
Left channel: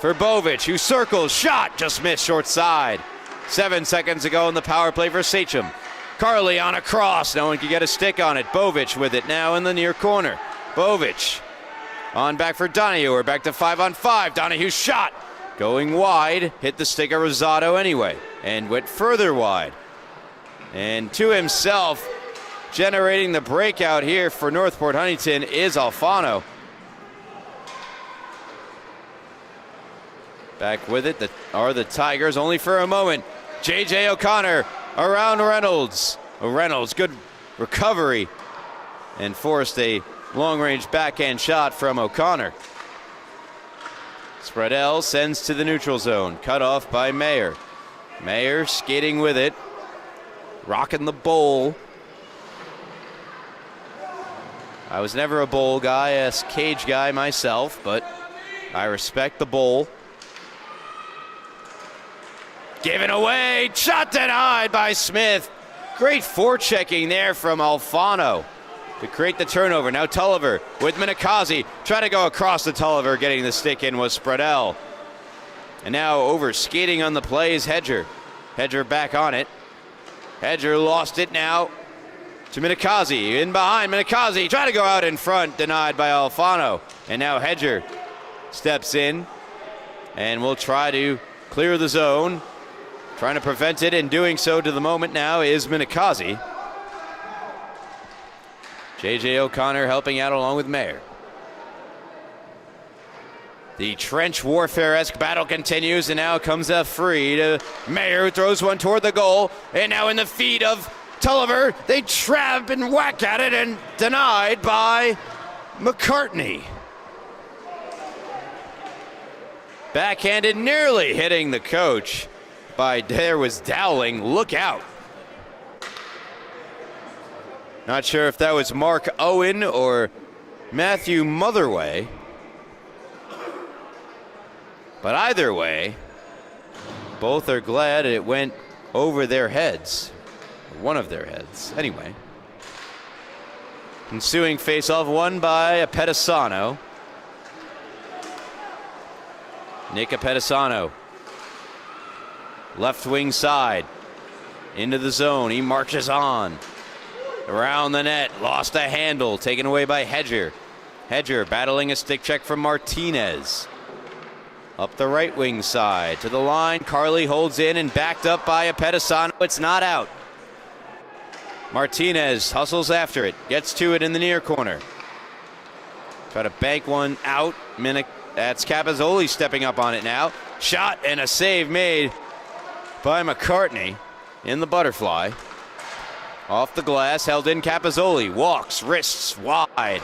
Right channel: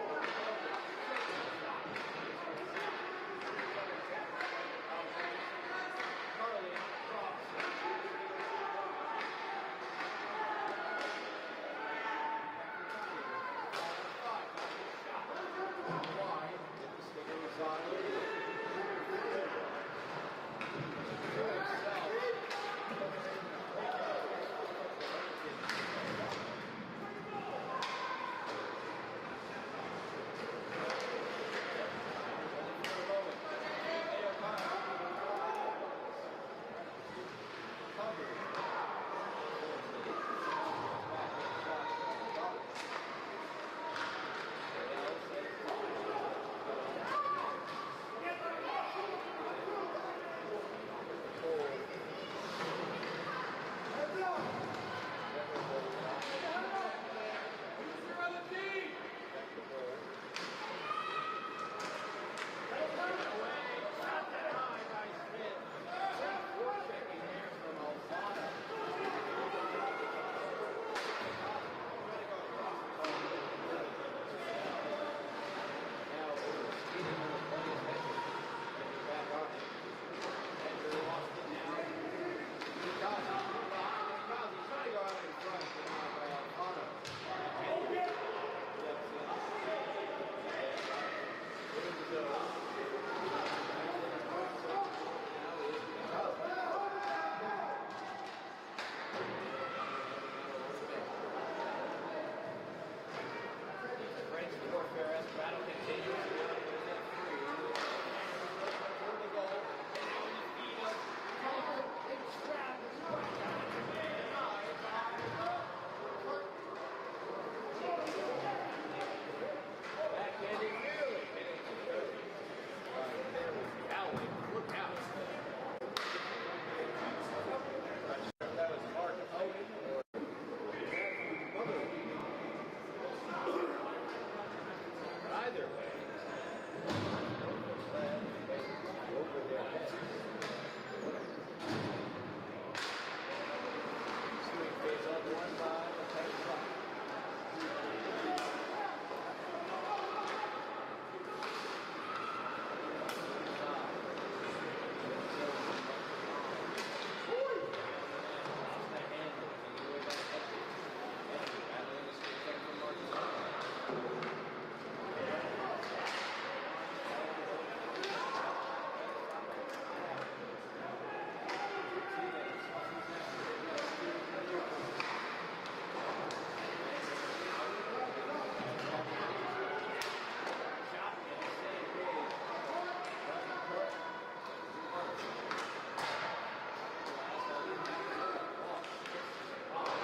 for Bovich, who circles, shot, just missed short side. 7 seconds ago in the power play for Sachem. Carly on a cross. No one can get a stick on it. Bovich with it now in the near corner. Bovich on back for Donahue. We're back to 5-on-5. Donahue shot going wide. Hit the stick of Rosado anyway and went further wide. And to himself, generating the breakout here for Northport Huntington is Alfano. Back with it are the Tigers, only for a moment. J.J. O'Connor around Reynolds. Reynolds, good recovery, and forced a long-range backhand shot from O'Connor. Spreadell sends to the neutral zone, cut off by Mayer. Mayer skating with it, rocking the bowl. I was never a bowl guy, a cage guy myself, but I respect the bowl. Given away, shot denied by Smith. Great forechecking there from Alfano to create the turnover. Now Tulliver with Minikazi, trying to go across to Tulliver, getting the stick in was Spreadell. And now over skating on the play is Hedger. Hedger back on it. Hedger lost it now to Minikazi. In behind Minikazi, trying to go out in front, denied by Alfano. And now Hedger steps in and will try to clear the zone. Trying to prevent it, and doing so to the moment now is Minikazi. J.J. O'Connor helping out along with Mayer. The trench warfare-esque battle continues, and now comes a free to Mayer, who throws one toward the goal. And now in the feet of Tulliver, they trap and whack at it, and denied by McCartney. Backhanded, nearly hitting the coach. There was Dowling. Look out. Not sure if that was Mark Owen or Matthew Motherway, but either way, both are glad it went over their heads, one of their heads. Anyway, ensuing face-off won by Apettisano. Nick Apettisano, left wing side, into the zone. He marches on. Around the net, lost a handle, taken away by Hedger. Hedger battling a stick check from Martinez. Up the right wing side to the line. Carly holds in and backed up by Apettisano. It's not out. Martinez hustles after it, gets to it in the near corner. Try to bank one out. That's Capozzoli stepping up on it now. Shot and a save made by McCartney in the butterfly. Off the glass, held in. Capozzoli walks, wrists wide.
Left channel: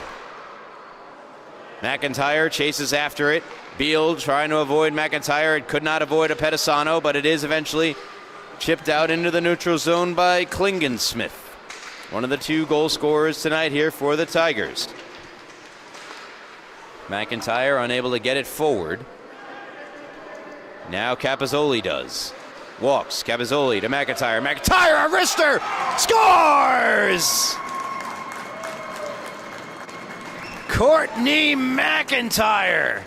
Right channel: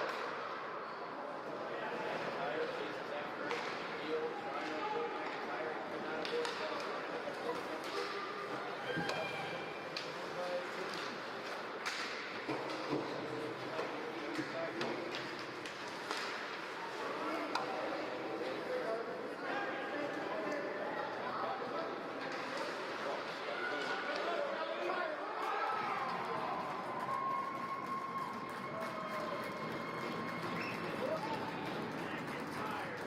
McIntyre chases after it. Beal trying to avoid McIntyre. It could not avoid Apettisano, but it is eventually chipped out into the neutral zone by Klingensmith, one of the two goal scorers tonight here for the Tigers. McIntyre unable to get it forward. Now Capozzoli does. Walks, Capozzoli to McIntyre. McIntyre, a wrister, scores! Courtney McIntyre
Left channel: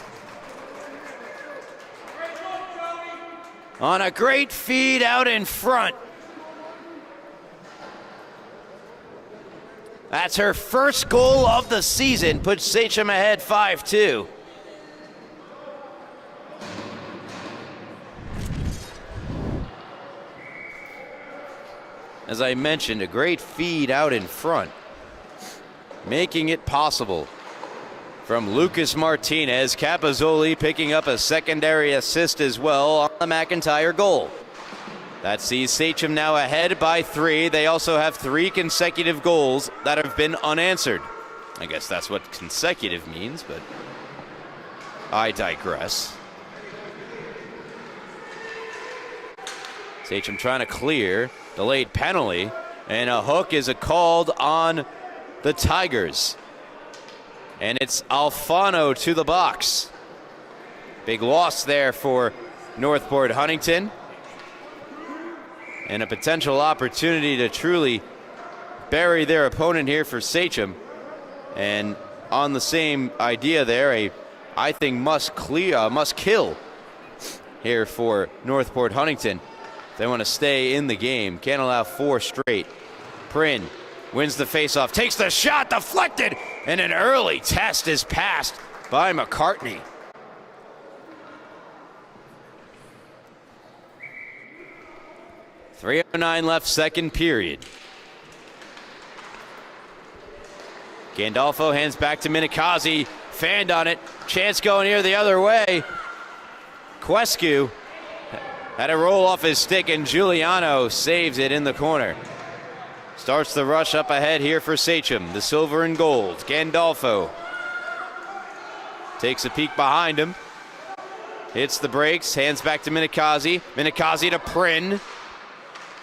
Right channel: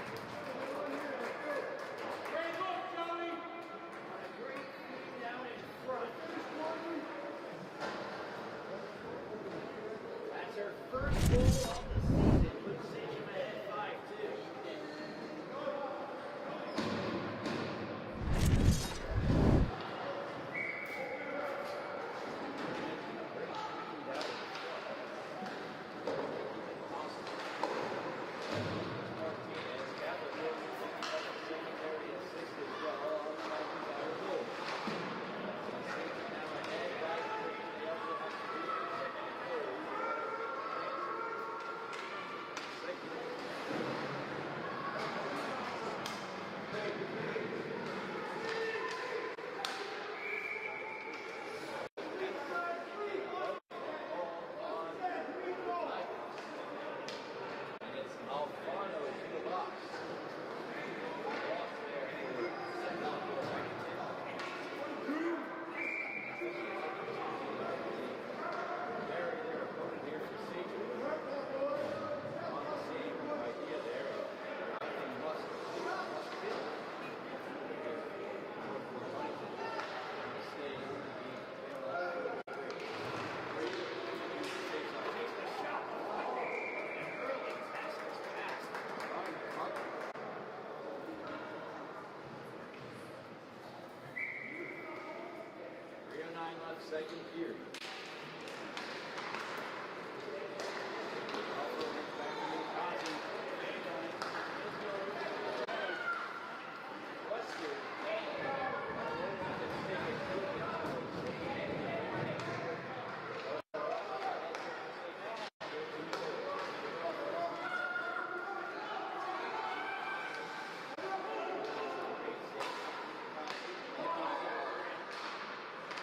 on a great feed out in front. That's her first goal of the season, puts Sachem ahead 5-2. As I mentioned, a great feed out in front, making it possible from Lucas Martinez. Capozzoli picking up a secondary assist as well on the McIntyre goal. That sees Sachem now ahead by 3. They also have 3 consecutive goals that have been unanswered. I guess that's what consecutive means, but I digress. Sachem trying to clear the late penalty, and a hook is called on the Tigers. And it's Alfano to the box. Big loss there for Northport Huntington. And a potential opportunity to truly bury their opponent here for Sachem. And on the same idea there, I think must kill here for Northport Huntington. They want to stay in the game. Can't allow 4 straight. Prin wins the faceoff, takes the shot, deflected, and an early test is passed by McCartney. .309 left, second period. Gandolfo hands back to Minikazi, fanned on it, chance going here the other way. Quescu had a roll off his stick, and Giuliano saves it in the corner. Starts the rush up ahead here for Sachem, the silver and gold. Gandolfo takes a peek behind him, hits the brakes, hands back to Minikazi. Minikazi to Prin.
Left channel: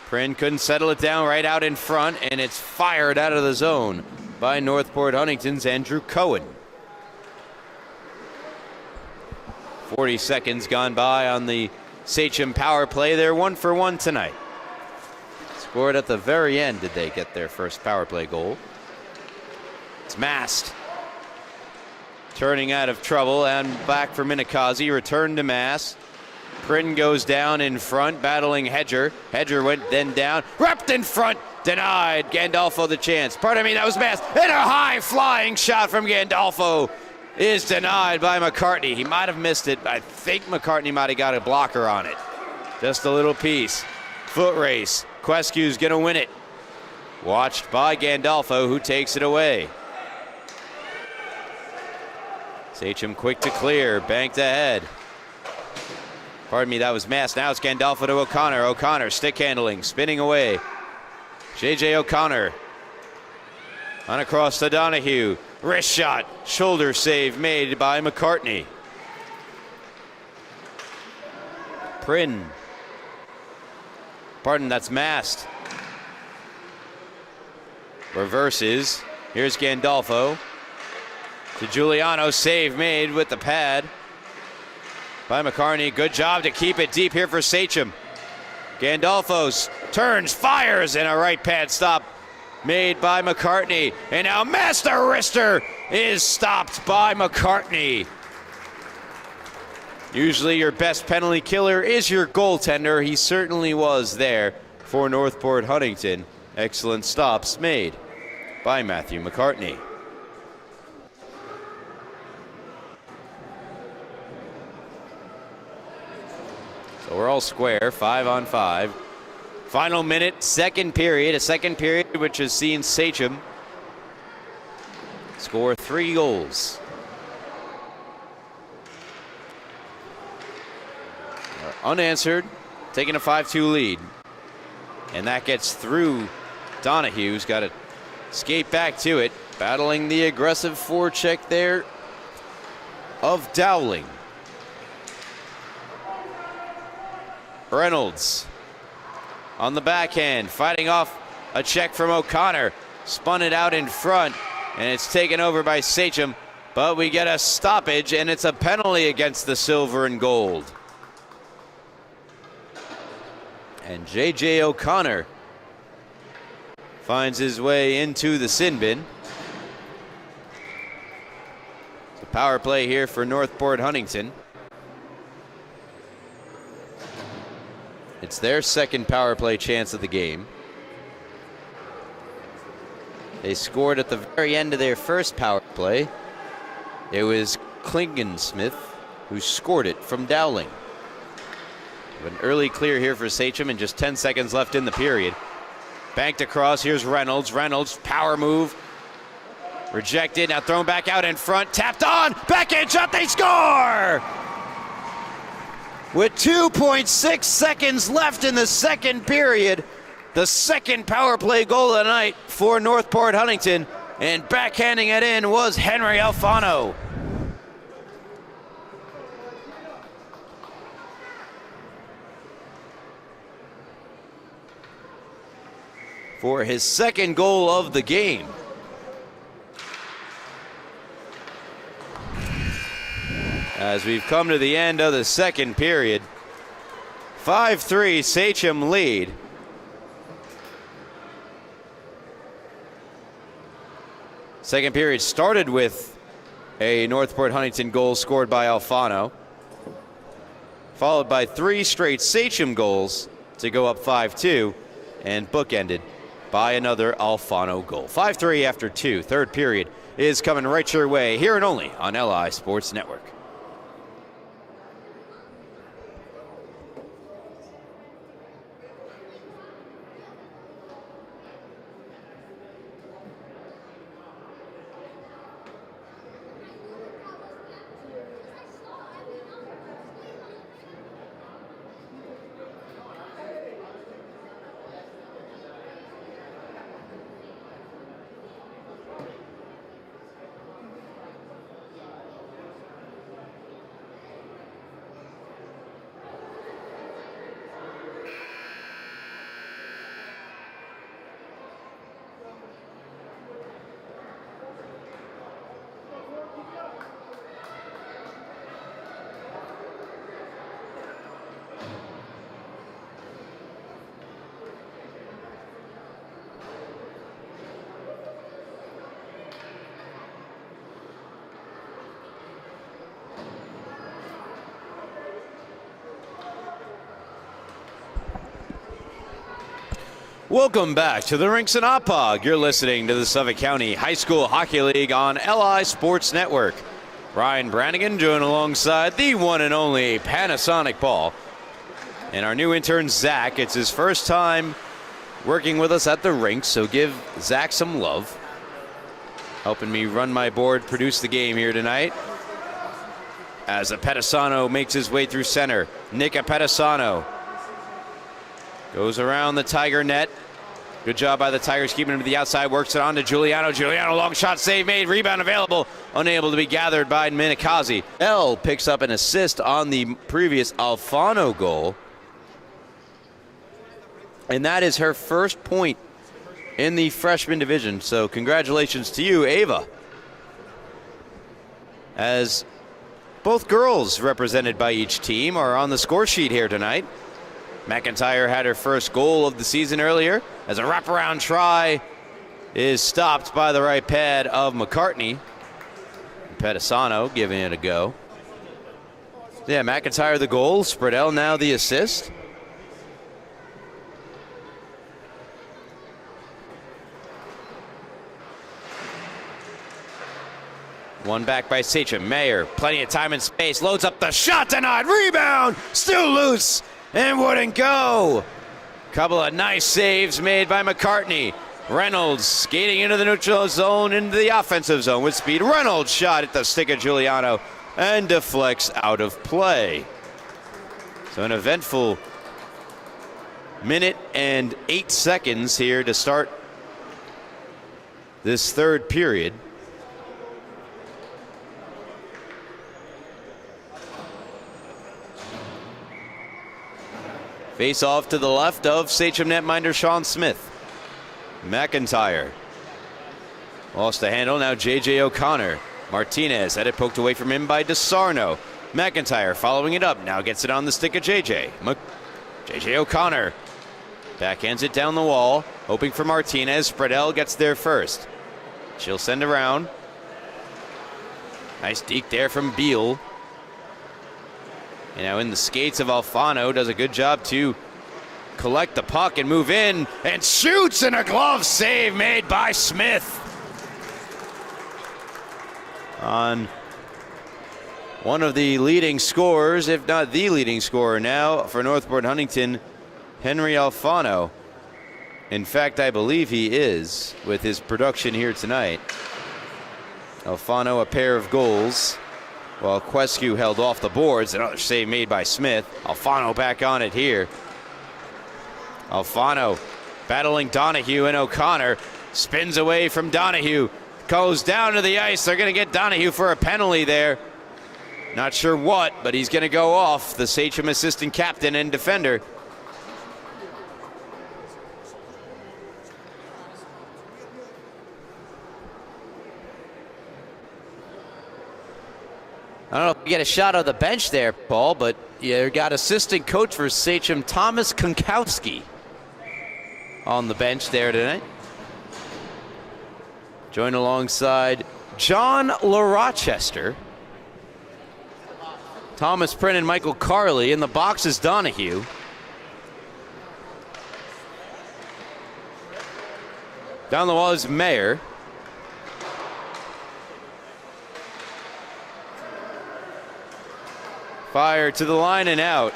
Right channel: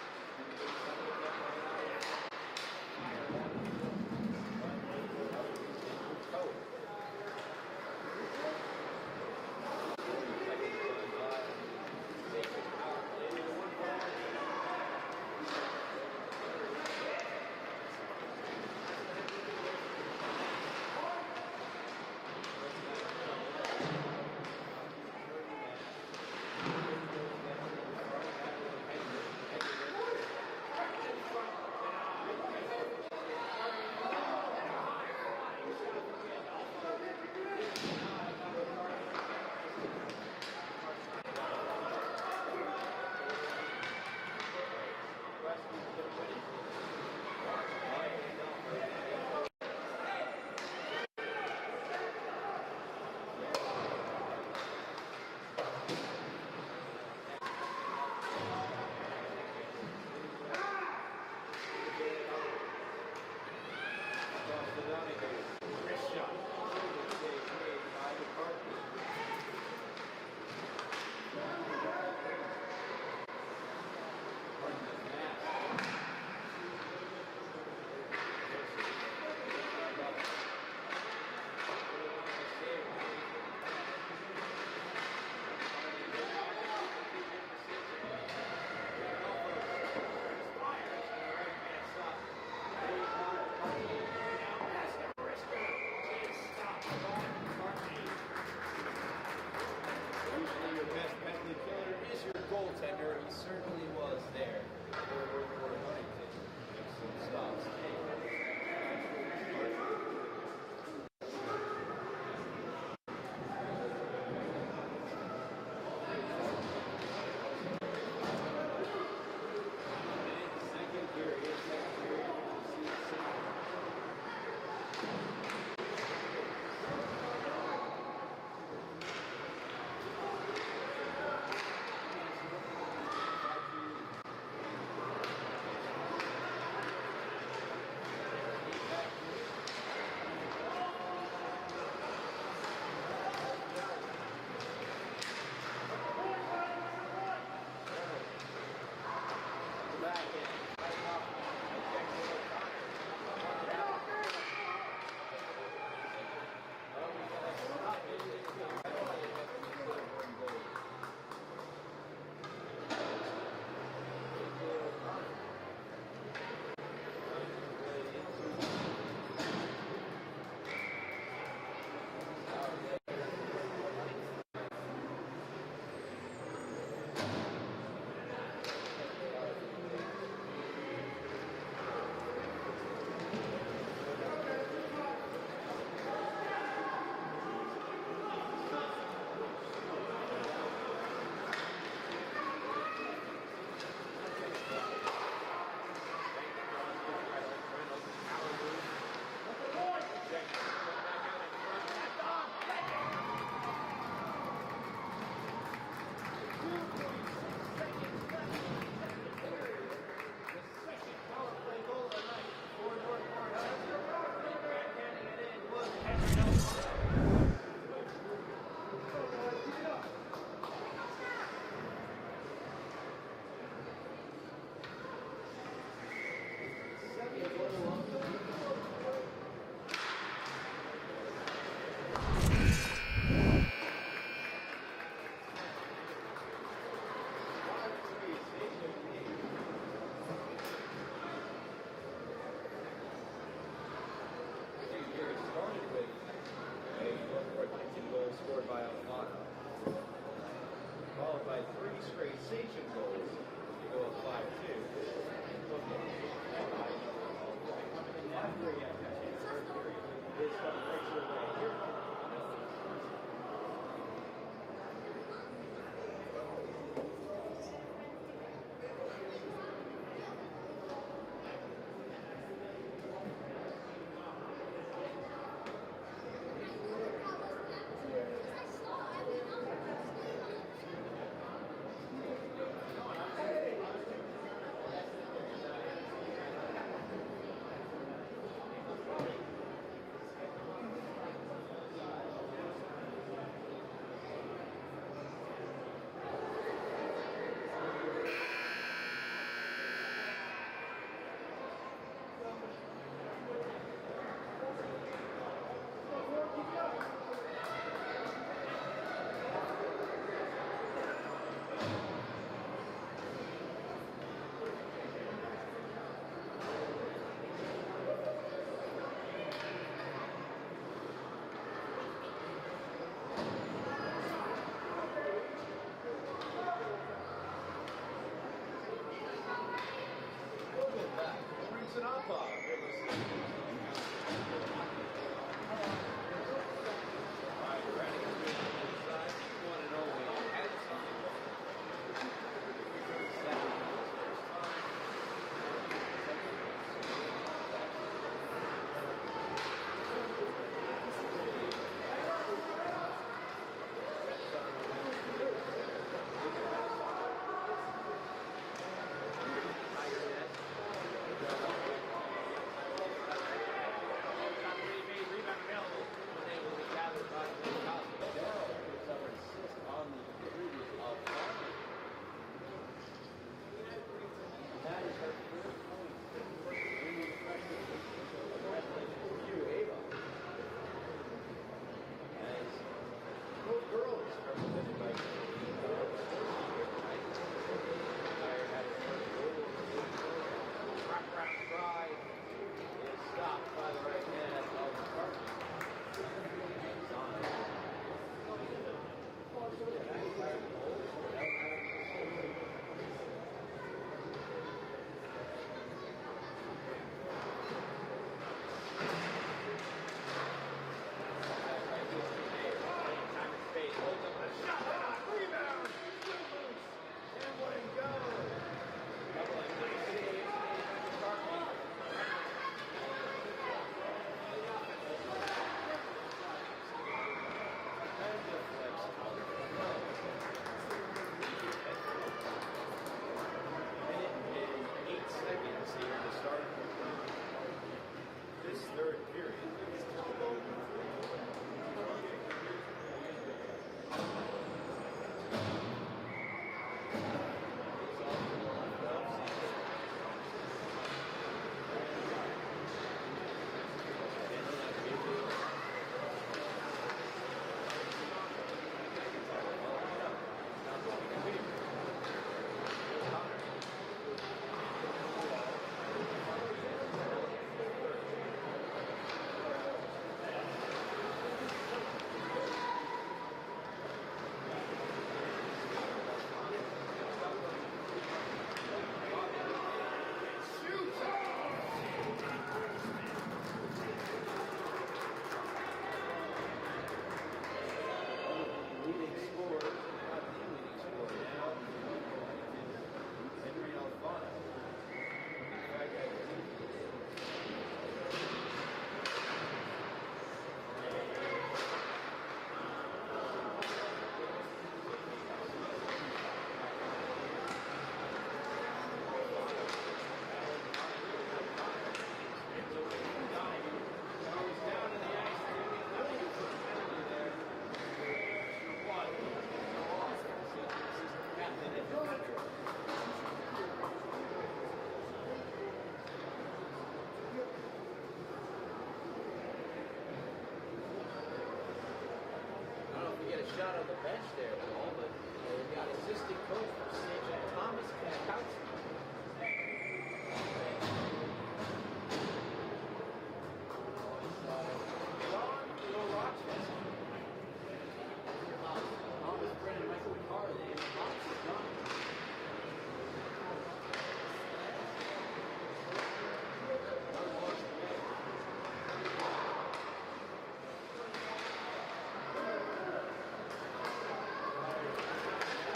Prin couldn't settle it down, right out in front, and it's fired out of the zone by Northport Huntington's Andrew Cohen. 40 seconds gone by on the Sachem power play. They're 1 for 1 tonight. Scored at the very end did they get their first power play goal. It's Mast turning out of trouble, and back for Minikazi. Return to Mast. Prin goes down in front, battling Hedger. Hedger went then down, wrapped in front, denied. Gandolfo the chance. Pardon me, that was Mast. And a high flying shot from Gandolfo is denied by McCartney. He might have missed it. I think McCartney might have got a blocker on it. Just a little piece. Foot race. Quescu's gonna win it. Watched by Gandolfo, who takes it away. Sachem quick to clear, banked ahead. Pardon me, that was Mast. Now it's Gandolfo to O'Connor. O'Connor stick handling, spinning away. JJ O'Connor on across to Donahue. Wrist shot, shoulder save made by McCartney. Prin. Pardon, that's Mast. Reverses. Here's Gandolfo. To Giuliano, save made with the pad by McCartney. Good job to keep it deep here for Sachem. Gandolfo turns, fires, and a right pad stop made by McCartney. And now Master Wrister is stopped by McCartney. Usually your best penalty killer is your goaltender. He certainly was there for Northport Huntington. Excellent stops made by Matthew McCartney. So we're all square, 5-on-5. Final minute, second period. A second period which has seen Sachem score 3 goals. Unanswered, taking a 5-2 lead. And that gets through Donahue, who's got to skate back to it, battling the aggressive forecheck there of Dowling. Reynolds on the backhand, fighting off a check from O'Connor. Spun it out in front, and it's taken over by Sachem. But we get a stoppage, and it's a penalty against the silver and gold. And J.J. O'Connor finds his way into the sin bin. Power play here for Northport Huntington. It's their second power play chance of the game. They scored at the very end of their first power play. It was Klingensmith who scored it from Dowling. An early clear here for Sachem, and just 10 seconds left in the period. Banked across, here's Reynolds. Reynolds, power move. Rejected, now thrown back out in front, tapped on, backhand shot, they score! With 2.6 seconds left in the second period, the second power play goal of the night for Northport Huntington, and backhanding it in was Henry Alfano. For his second goal of the game. As we've come to the end of the second period, 5-3 Sachem lead. Second period started with a Northport Huntington goal scored by Alfano, followed by 3 straight Sachem goals to go up 5-2, and bookended by another Alfano goal. 5-3 after 2. Third period is coming right your way here and only on LI Sports Network. Welcome back to the Rinks and Oppog. You're listening to the Suffolk County High School Hockey League on LI Sports Network. Ryan Brannigan joined alongside the one and only Panasonic Paul. And our new intern, Zach. It's his first time working with us at the rink, so give Zach some love. Helping me run my board, produce the game here tonight. As Apettisano makes his way through center. Nick Apettisano goes around the Tiger net. Good job by the Tigers keeping him to the outside. Works it on to Giuliano. Giuliano, long shot, save made. Rebound available. Unable to be gathered by Minikazi. L picks up an assist on the previous Alfano goal. And that is her first point in the freshman division. So congratulations to you, Ava. As both girls represented by each team are on the score sheet here tonight. McIntyre had her first goal of the season earlier as a wraparound try is stopped by the right pad of McCartney. Pettisano giving it a go. Yeah, McIntyre the goal, Spreadell now the assist. One back by Sachem. Mayer, plenty of time and space, loads up the shot, denied, rebound, still loose. And wouldn't go. Couple of nice saves made by McCartney. Reynolds skating into the neutral zone, into the offensive zone with speed. Reynolds shot at the stick of Giuliano and deflects out of play. So an eventful minute and 8 seconds here to start this third period. Face off to the left of Sachem netminder Sean Smith. McIntyre lost the handle. Now J.J. O'Connor Martinez had it poked away from him by DeSarno. McIntyre following it up, now gets it on the stick of JJ. JJ O'Connor backhands it down the wall, hoping for Martinez. Spreadell gets there first. She'll send around. Nice deke there from Beal. You know, in the skates of Alfano, does a good job to collect the puck and move in, and shoots, and a glove save made by Smith. On one of the leading scorers, if not the leading scorer now for Northport Huntington, Henry Alfano. In fact, I believe he is with his production here tonight. Alfano a pair of goals, while Quescu held off the boards. Another save made by Smith. Alfano back on it here. Alfano battling Donahue, and O'Connor spins away from Donahue. Goes down to the ice. They're going to get Donahue for a penalty there. Not sure what, but he's going to go off, the Sachem assistant captain and defender. I don't know if you get a shot of the bench there, Paul, but you got assistant coach for Sachem, Thomas Konkowski, on the bench there tonight. Joined alongside John LaRochester, Thomas Prinn, and Michael Carley. In the box is Donahue. Down the wall is Mayer. Fire to the line and out.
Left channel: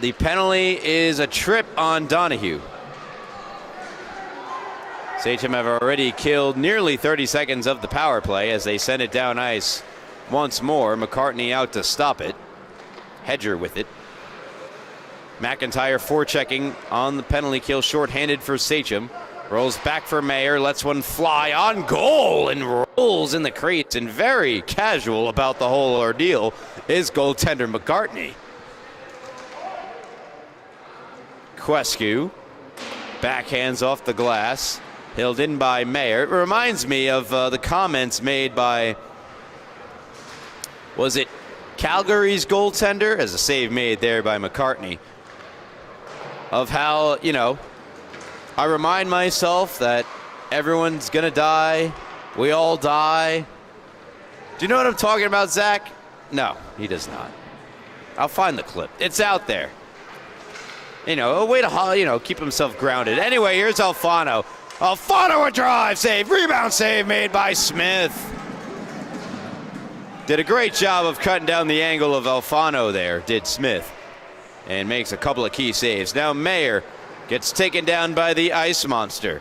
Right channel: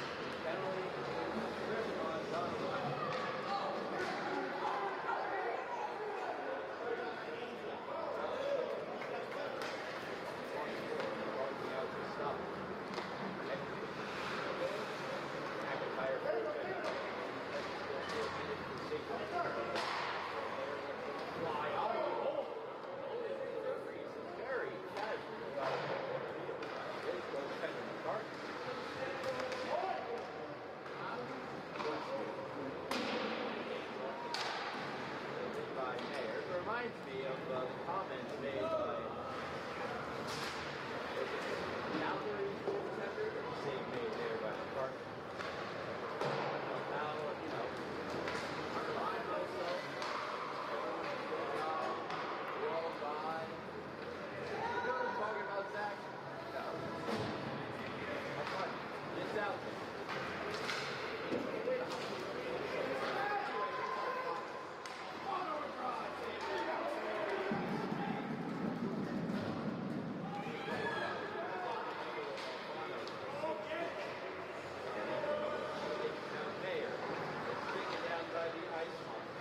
The penalty is a trip on Donahue. Sachem have already killed nearly 30 seconds of the power play as they send it down ice once more. McCartney out to stop it. Hedger with it. McIntyre forechecking on the penalty kill, shorthanded for Sachem. Rolls back for Mayer, lets one fly on goal and rolls in the crease. And very casual about the whole ordeal is goaltender McCartney. Quescu backhands off the glass, held in by Mayer. It reminds me of the comments made by, was it Calgary's goaltender, as a save made there by McCartney, of how, you know, I remind myself that everyone's gonna die. We all die. Do you know what I'm talking about, Zach? No, he does not. I'll find the clip. It's out there. You know, a way to, you know, keep himself grounded. Anyway, here's Alfano. Alfano a drive save, rebound save made by Smith. Did a great job of cutting down the angle of Alfano there, did Smith. And makes a couple of key saves. Now Mayer gets taken down by the ice monster.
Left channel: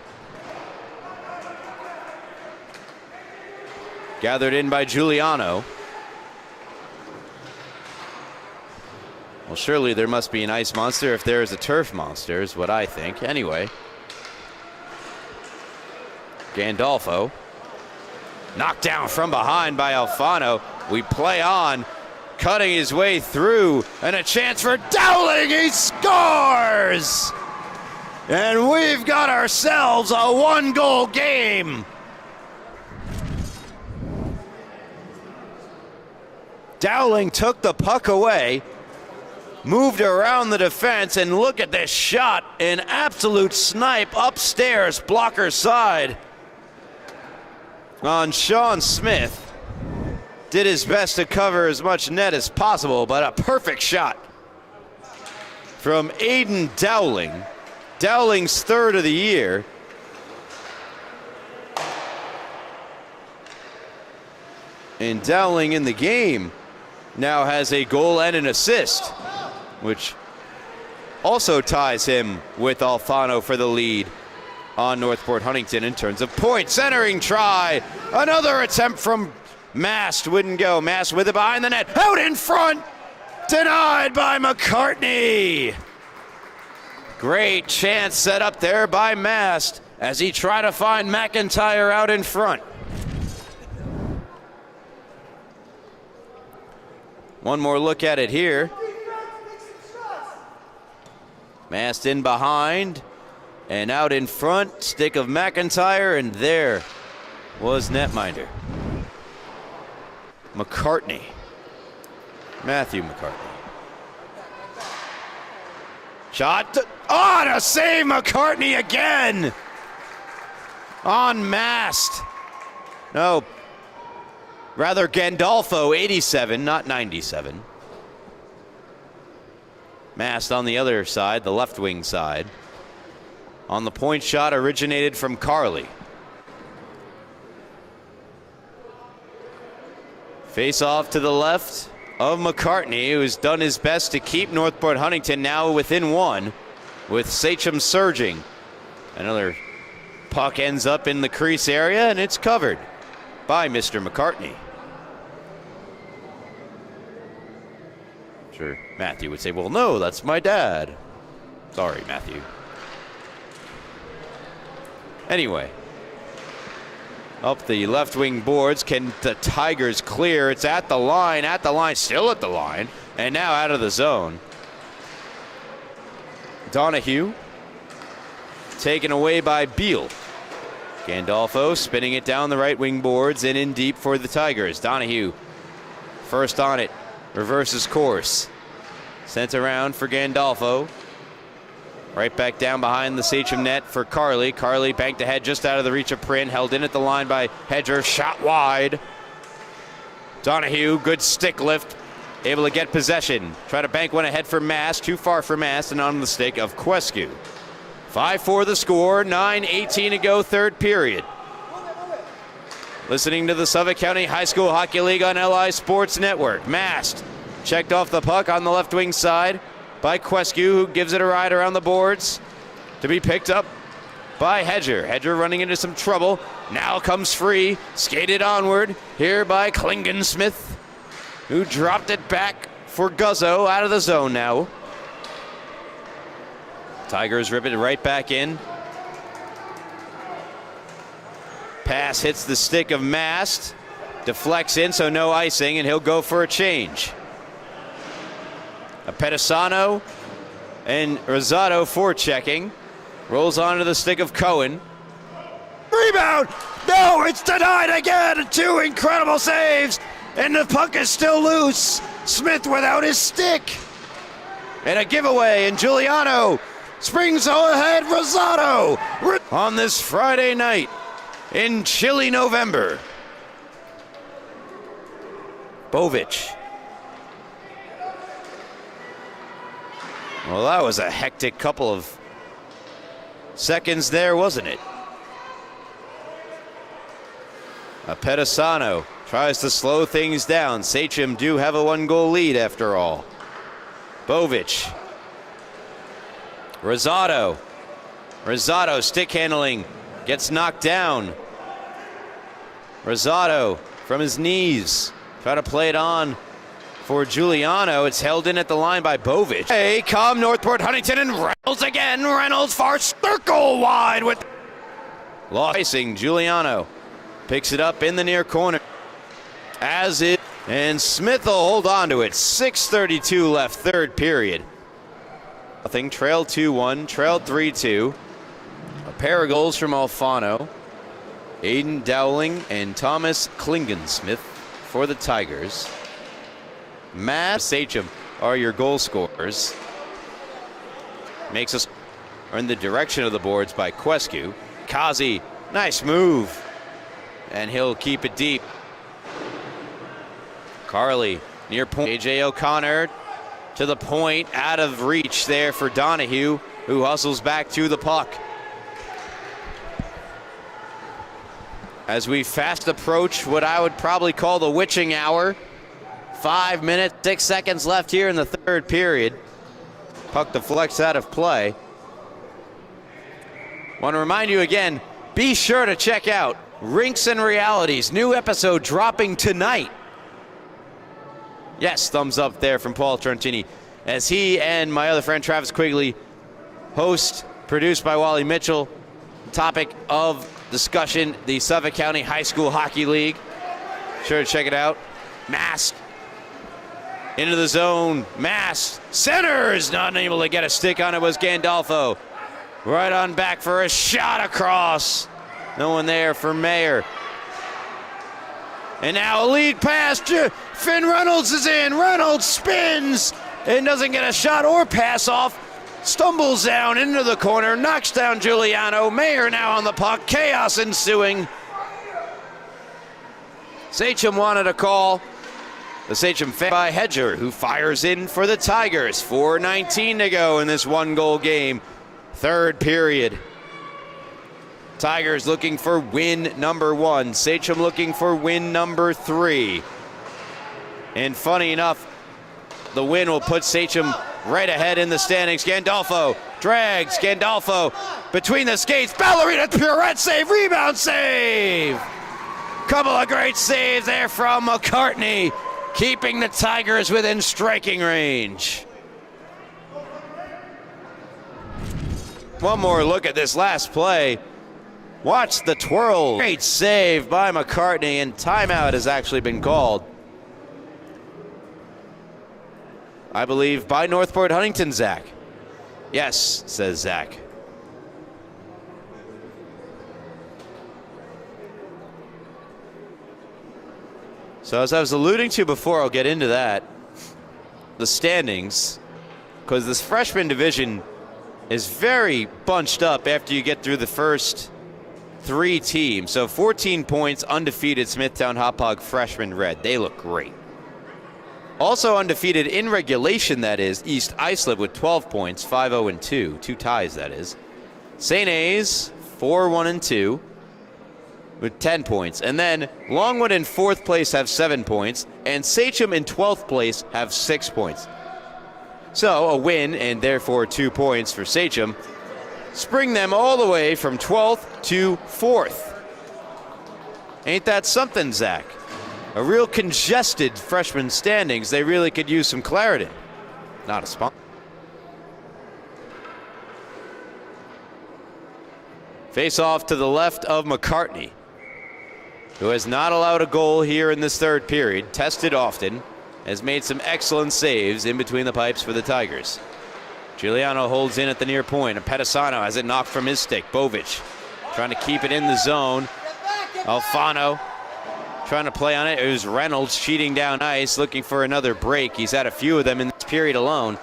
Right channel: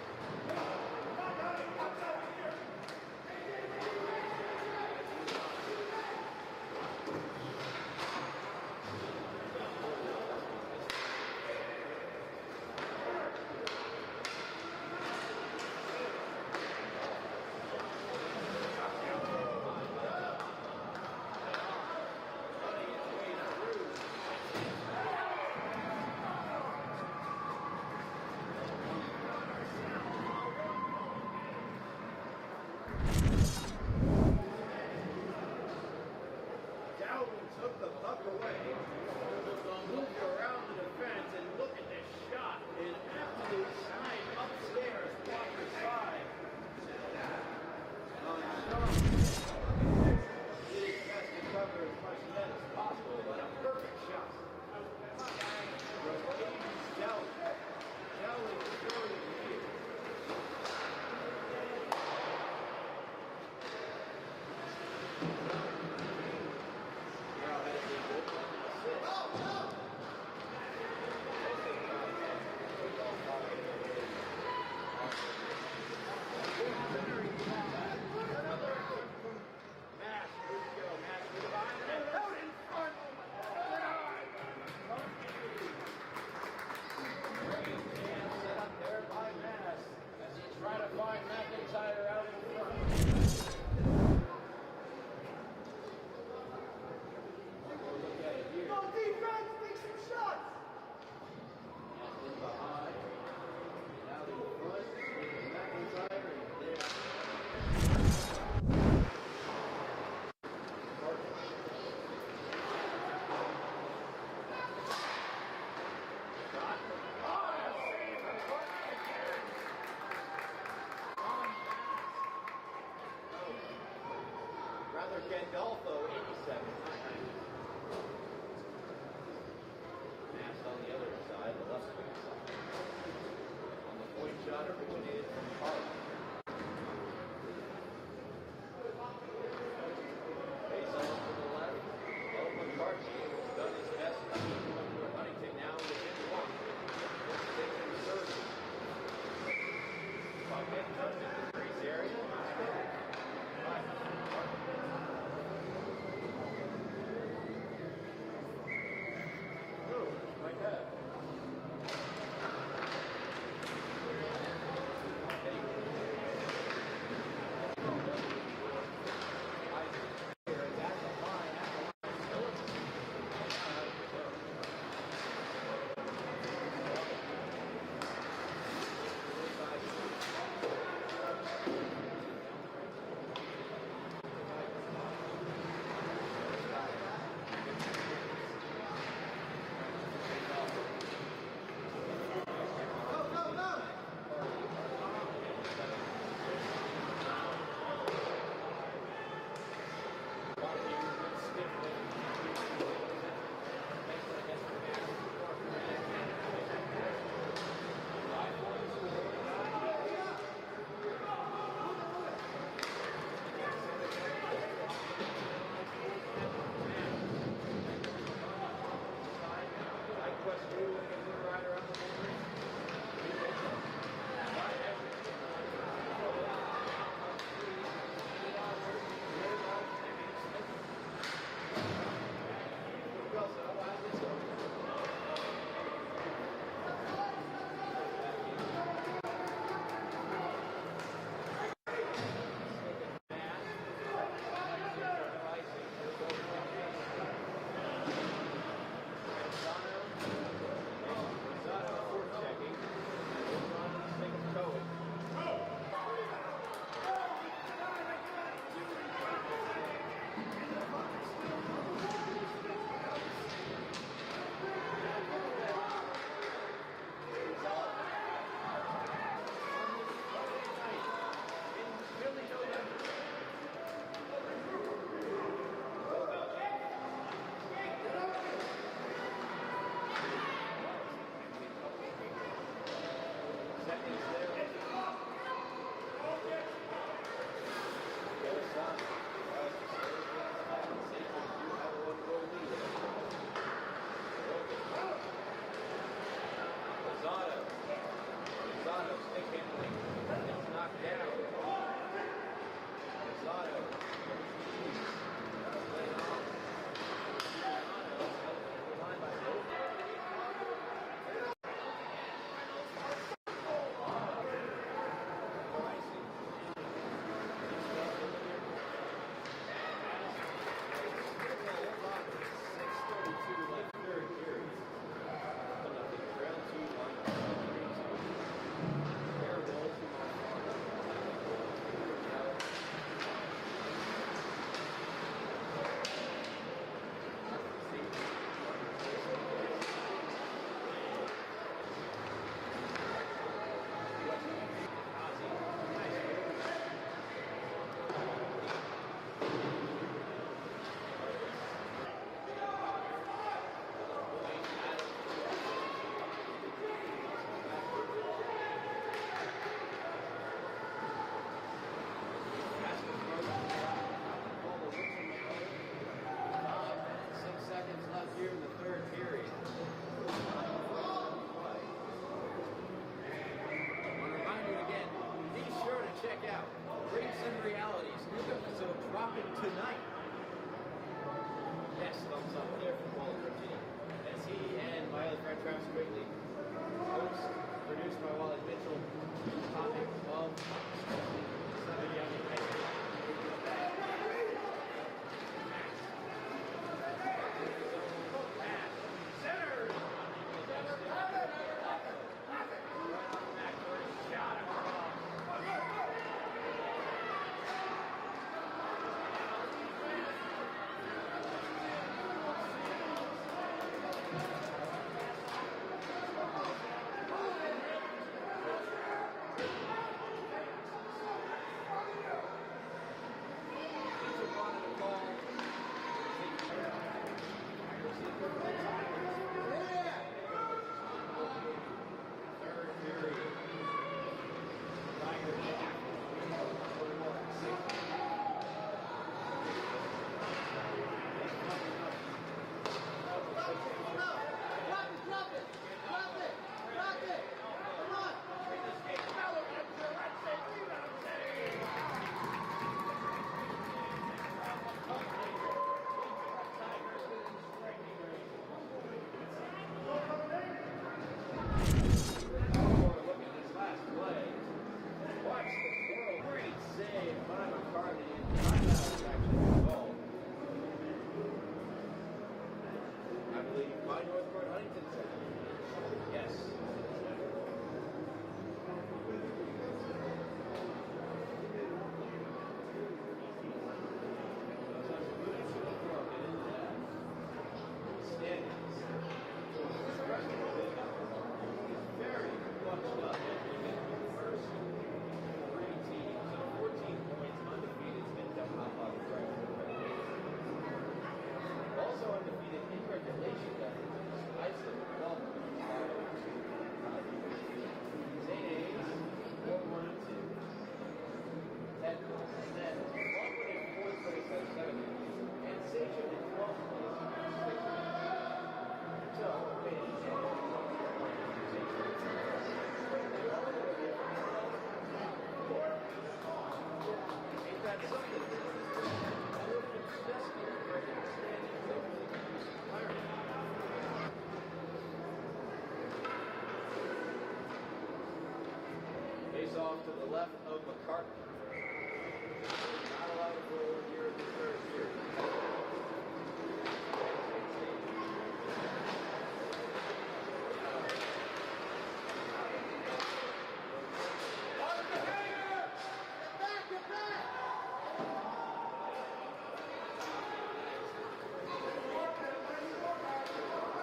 Gathered in by Giuliano. Well, surely there must be an ice monster if there is a turf monster, is what I think. Anyway. Gandolfo. Knocked down from behind by Alfano. We play on. Cutting his way through. And a chance for Dowling. He scores! And we've got ourselves a one-goal game. Dowling took the puck away, moved around the defense, and look at this shot. An absolute snipe upstairs, blocker side on Sean Smith. Did his best to cover as much net as possible, but a perfect shot from Aiden Dowling. Dowling's third of the year. And Dowling in the game now has a goal and an assist, which also ties him with Alfano for the lead on Northport Huntington in terms of points. Centering try. Another attempt from Mast. Wouldn't go. Mast with it behind the net. Out in front. Denied by McCartney. Great chance set up there by Mast as he tried to find McIntyre out in front. One more look at it here. Mast in behind. And out in front, stick of McIntyre, and there was netminder. McCartney. Matthew McCartney. Shot. Oh, to save McCartney again! On mast. No. Rather, Gandolfo, 87, not 97. Mast on the other side, the left wing side. On the point shot originated from Carly. Face off to the left of McCartney, who's done his best to keep Northport Huntington now within one, with Sachem surging. Another puck ends up in the crease area, and it's covered by Mr. McCartney. Sure, Matthew would say, well, no, that's my dad. Sorry, Matthew. Anyway, up the left wing boards. Can the Tigers clear? It's at the line, still at the line, and now out of the zone. Donahue taken away by Beal. Gandolfo spinning it down the right wing boards and in deep for the Tigers. Donahue first on it, reverses course. Sent around for Gandolfo. Right back down behind the Sachem net for Carly. Carly banked ahead just out of the reach of Print. Held in at the line by Hedger. Shot wide. Donahue, good stick lift. Able to get possession. Try to bank one ahead for Mast. Too far for Mast and on the stick of Quescu. 5-4 the score. 9:18 to go, third period. Listening to the Suffolk County High School Hockey League on LI Sports Network. Mast checked off the puck on the left wing side by Quescu, who gives it a ride around the boards to be picked up by Hedger. Hedger running into some trouble. Now comes free, skated onward here by Klingensmith, who dropped it back for Guzzo, out of the zone now. Tigers rip it right back in. Pass hits the stick of Mast, deflects in, so no icing, and he'll go for a change. Pedisano and Rosado forechecking. Rolls onto the stick of Cohen. Rebound! No, it's denied again! Two incredible saves, and the puck is still loose. Smith without his stick. And a giveaway, and Giuliano springs ahead Rosado on this Friday night in chilly November. Bovic. Well, that was a hectic couple of seconds there, wasn't it? Pedisano tries to slow things down. Sachem do have a one-goal lead after all. Bovic. Rosado. Rosado stick handling. Gets knocked down. Rosado from his knees. Try to play it on for Giuliano. It's held in at the line by Bovic. Hey, come Northport Huntington, and Reynolds again. Reynolds far circle wide with icing. Giuliano picks it up in the near corner. And Smith will hold on to it. 6:32 left, third period. Nothing. Trailed 2-1, trailed 3-2. A pair of goals from Alfano, Aiden Dowling, and Thomas Klingensmith for the Tigers. Matt Sachem are your goal scorers. Makes us in the direction of the boards by Quescu. Kazi, nice move, and he'll keep it deep. Carly near point. AJ O'Connor to the point, out of reach there for Donahue, who hustles back to the puck. As we fast approach what I would probably call the witching hour. 5 minutes, 6 seconds left here in the third period. Puck deflects out of play. Want to remind you again, be sure to check out Rinks and Realities, new episode dropping tonight. Yes, thumbs up there from Paul Trentini, as he and my other friend Travis Quigley host, produced by Wally Mitchell. Topic of discussion, the Suffolk County High School Hockey League. Sure to check it out. Mast into the zone. Mast centers, not able to get a stick on it was Gandolfo. Right on back for a shot across. No one there for Mayer. And now a lead pass. Finn Reynolds is in. Reynolds spins and doesn't get a shot or pass off. Stumbles down into the corner, knocks down Giuliano. Mayer now on the puck. Chaos ensuing. Sachem wanted a call. The Sachem fan by Hedger, who fires in for the Tigers. 4:19 to go in this one-goal game. Third period. Tigers looking for win number 1. Sachem looking for win number 3. And funny enough, the win will put Sachem right ahead in the standings. Gandolfo drags Gandolfo between the skates. Ballerina pirouette save, rebound save. Couple of great saves there from McCartney, keeping the Tigers within striking range. One more look at this last play. Watch the twirl. Great save by McCartney, and timeout has actually been called. I believe by Northport Huntington, Zach. Yes, says Zach. So as I was alluding to before, I'll get into that. The standings, because this freshman division is very bunched up after you get through the first 3 teams. So 14 points, undefeated Smithtown Hauppauge freshman red. They look great. Also undefeated in regulation, that is, East Islip with 12 points, 5-0-2, 2 ties, that is. St. A's, 4-1-2 with 10 points. And then Longwood in 4th place have 7 points, and Sachem in 12th place have 6 points. So a win, and therefore 2 points for Sachem, spring them all the way from 12th to 4th. Ain't that something, Zach? A real congested freshman standings. They really could use some clarity. Not a spot. Face off to the left of McCartney, who has not allowed a goal here in this third period. Tested often, has made some excellent saves in between the pipes for the Tigers. Giuliano holds in at the near point, and Pedisano has it knocked from his stick. Bovic trying to keep it in the zone. Alfano trying to play on it. It was Reynolds cheating down ice, looking for another break. He's had a few of them in this period alone.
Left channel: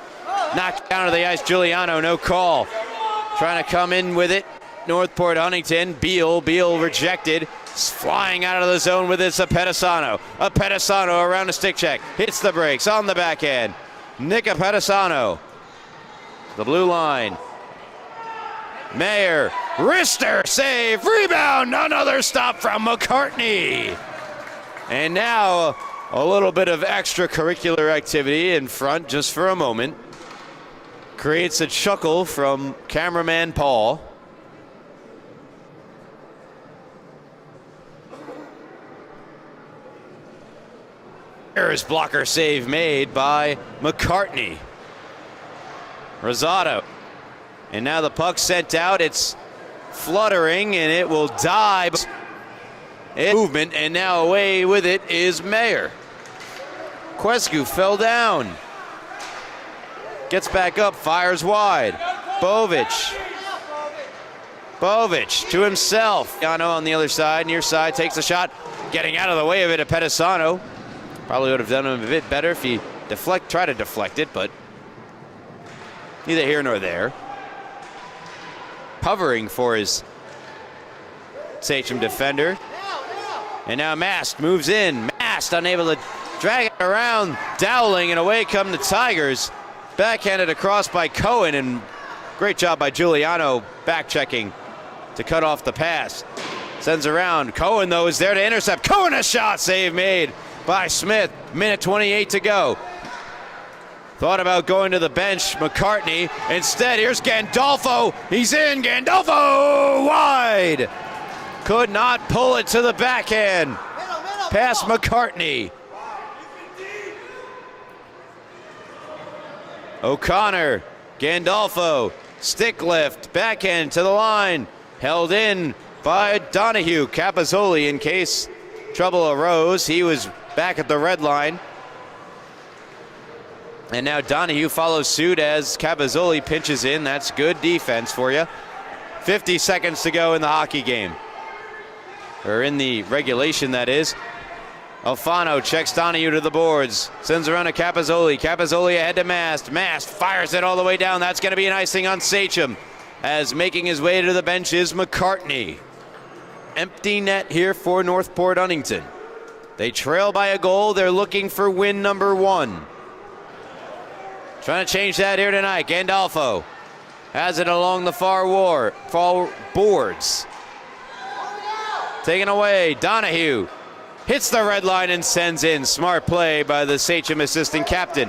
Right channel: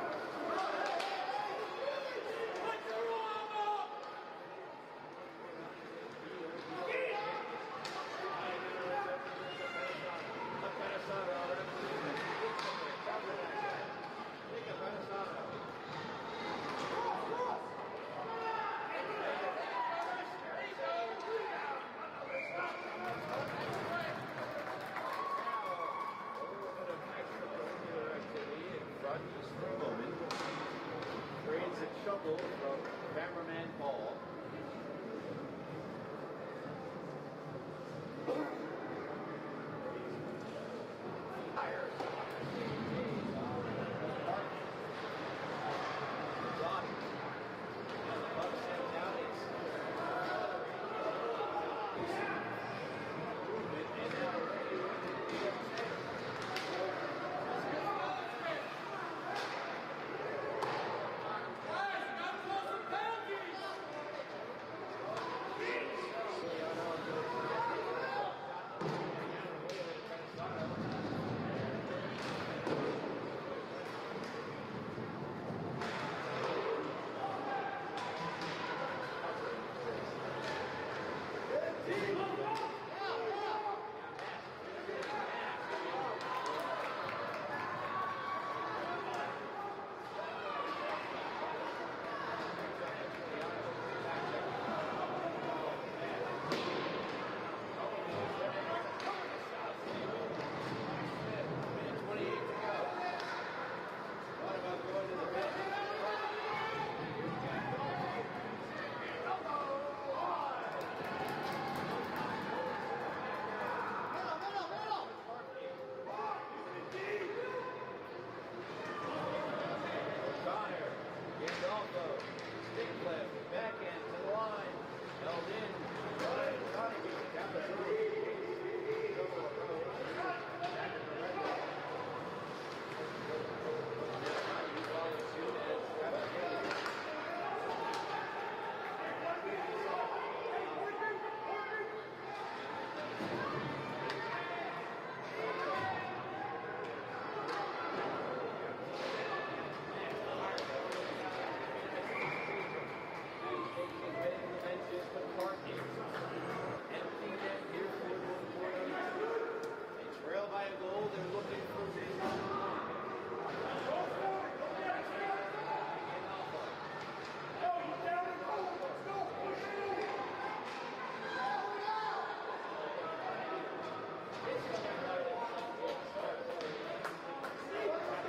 Knocked down to the ice, Giuliano, no call. Trying to come in with it. Northport Huntington, Beal rejected. Flying out of the zone with it, a Pedisano. A Pedisano around a stick check. Hits the brakes on the backhand. Nick Pedisano. The blue line. Mayer, wrister, save, rebound, another stop from McCartney. And now a little bit of extracurricular activity in front just for a moment. Creates a chuckle from cameraman Paul. There's blocker save made by McCartney. Rosado. And now the puck sent out. It's fluttering and it will dive. Movement, and now away with it is Mayer. Quescu fell down. Gets back up, fires wide. Bovic to himself. Yano on the other side, near side, takes a shot. Getting out of the way of it at Pedisano. Probably would have done him a bit better if he try to deflect it, but neither here nor there. Hovering for his Sachem defender. And now Mast moves in. Mast unable to drag it around. Dowling, and away come the Tigers. Backhanded across by Cohen, and great job by Giuliano back checking to cut off the pass. Sends around. Cohen, though, is there to intercept. Cohen, a shot save made by Smith. Minute 28 to go. Thought about going to the bench, McCartney. Instead, here's Gandolfo. He's in. Gandolfo wide. Could not pull it to the backhand. Past McCartney. O'Connor, Gandolfo, stick lift, backhand to the line. Held in by Donahue. Capozzoli, in case trouble arose, he was back at the red line. And now Donahue follows suit as Capozzoli pinches in. That's good defense for you. 50 seconds to go in the hockey game. Or in the regulation, that is. Alfano checks Donahue to the boards. Sends around to Capozzoli. Capozzoli ahead to Mast. Mast fires it all the way down. That's going to be an icing on Sachem. As making his way to the bench is McCartney. Empty net here for Northport Huntington. They trail by a goal. They're looking for win number 1. Trying to change that here tonight. Gandolfo has it along the far boards. Taken away. Donahue hits the red line and sends in. Smart play by the Sachem assistant captain.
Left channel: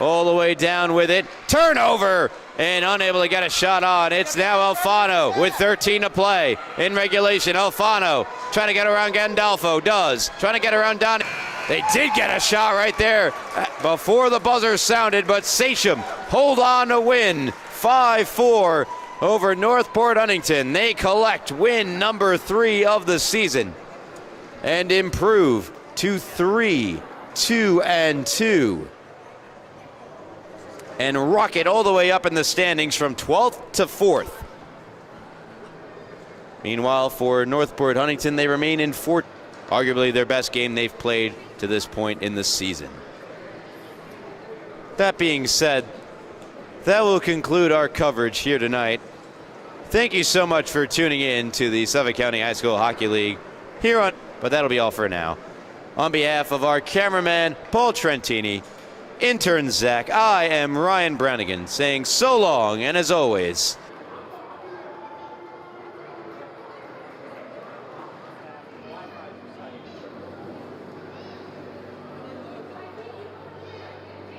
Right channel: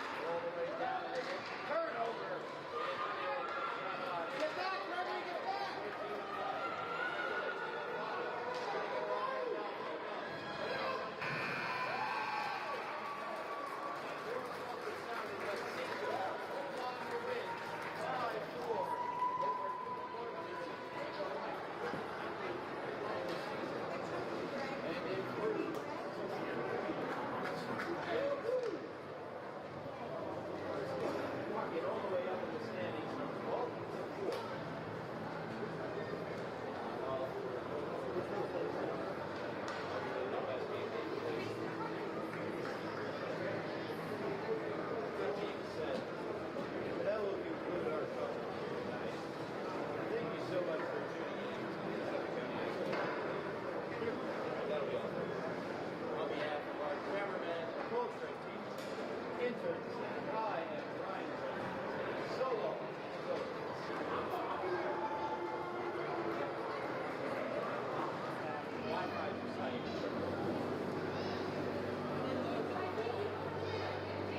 All the way down with it. Turnover! And unable to get a shot on. It's now Alfano with 13 to play in regulation. Alfano trying to get around Gandolfo. Does. Trying to get around Donahue. They did get a shot right there before the buzzer sounded, but Sachem hold on to win 5-4 over Northport Huntington. They collect win number 3 of the season and improve to 3-2-2 and rocket all the way up in the standings from 12th to 4th. Meanwhile, for Northport Huntington, they remain in 4th, arguably their best game they've played to this point in the season. That being said, that will conclude our coverage here tonight. Thank you so much for tuning in to the Suffolk County High School Hockey League but that'll be all for now. On behalf of our cameraman, Paul Trentini, intern Zach, I am Ryan Brannigan saying so long, and as always,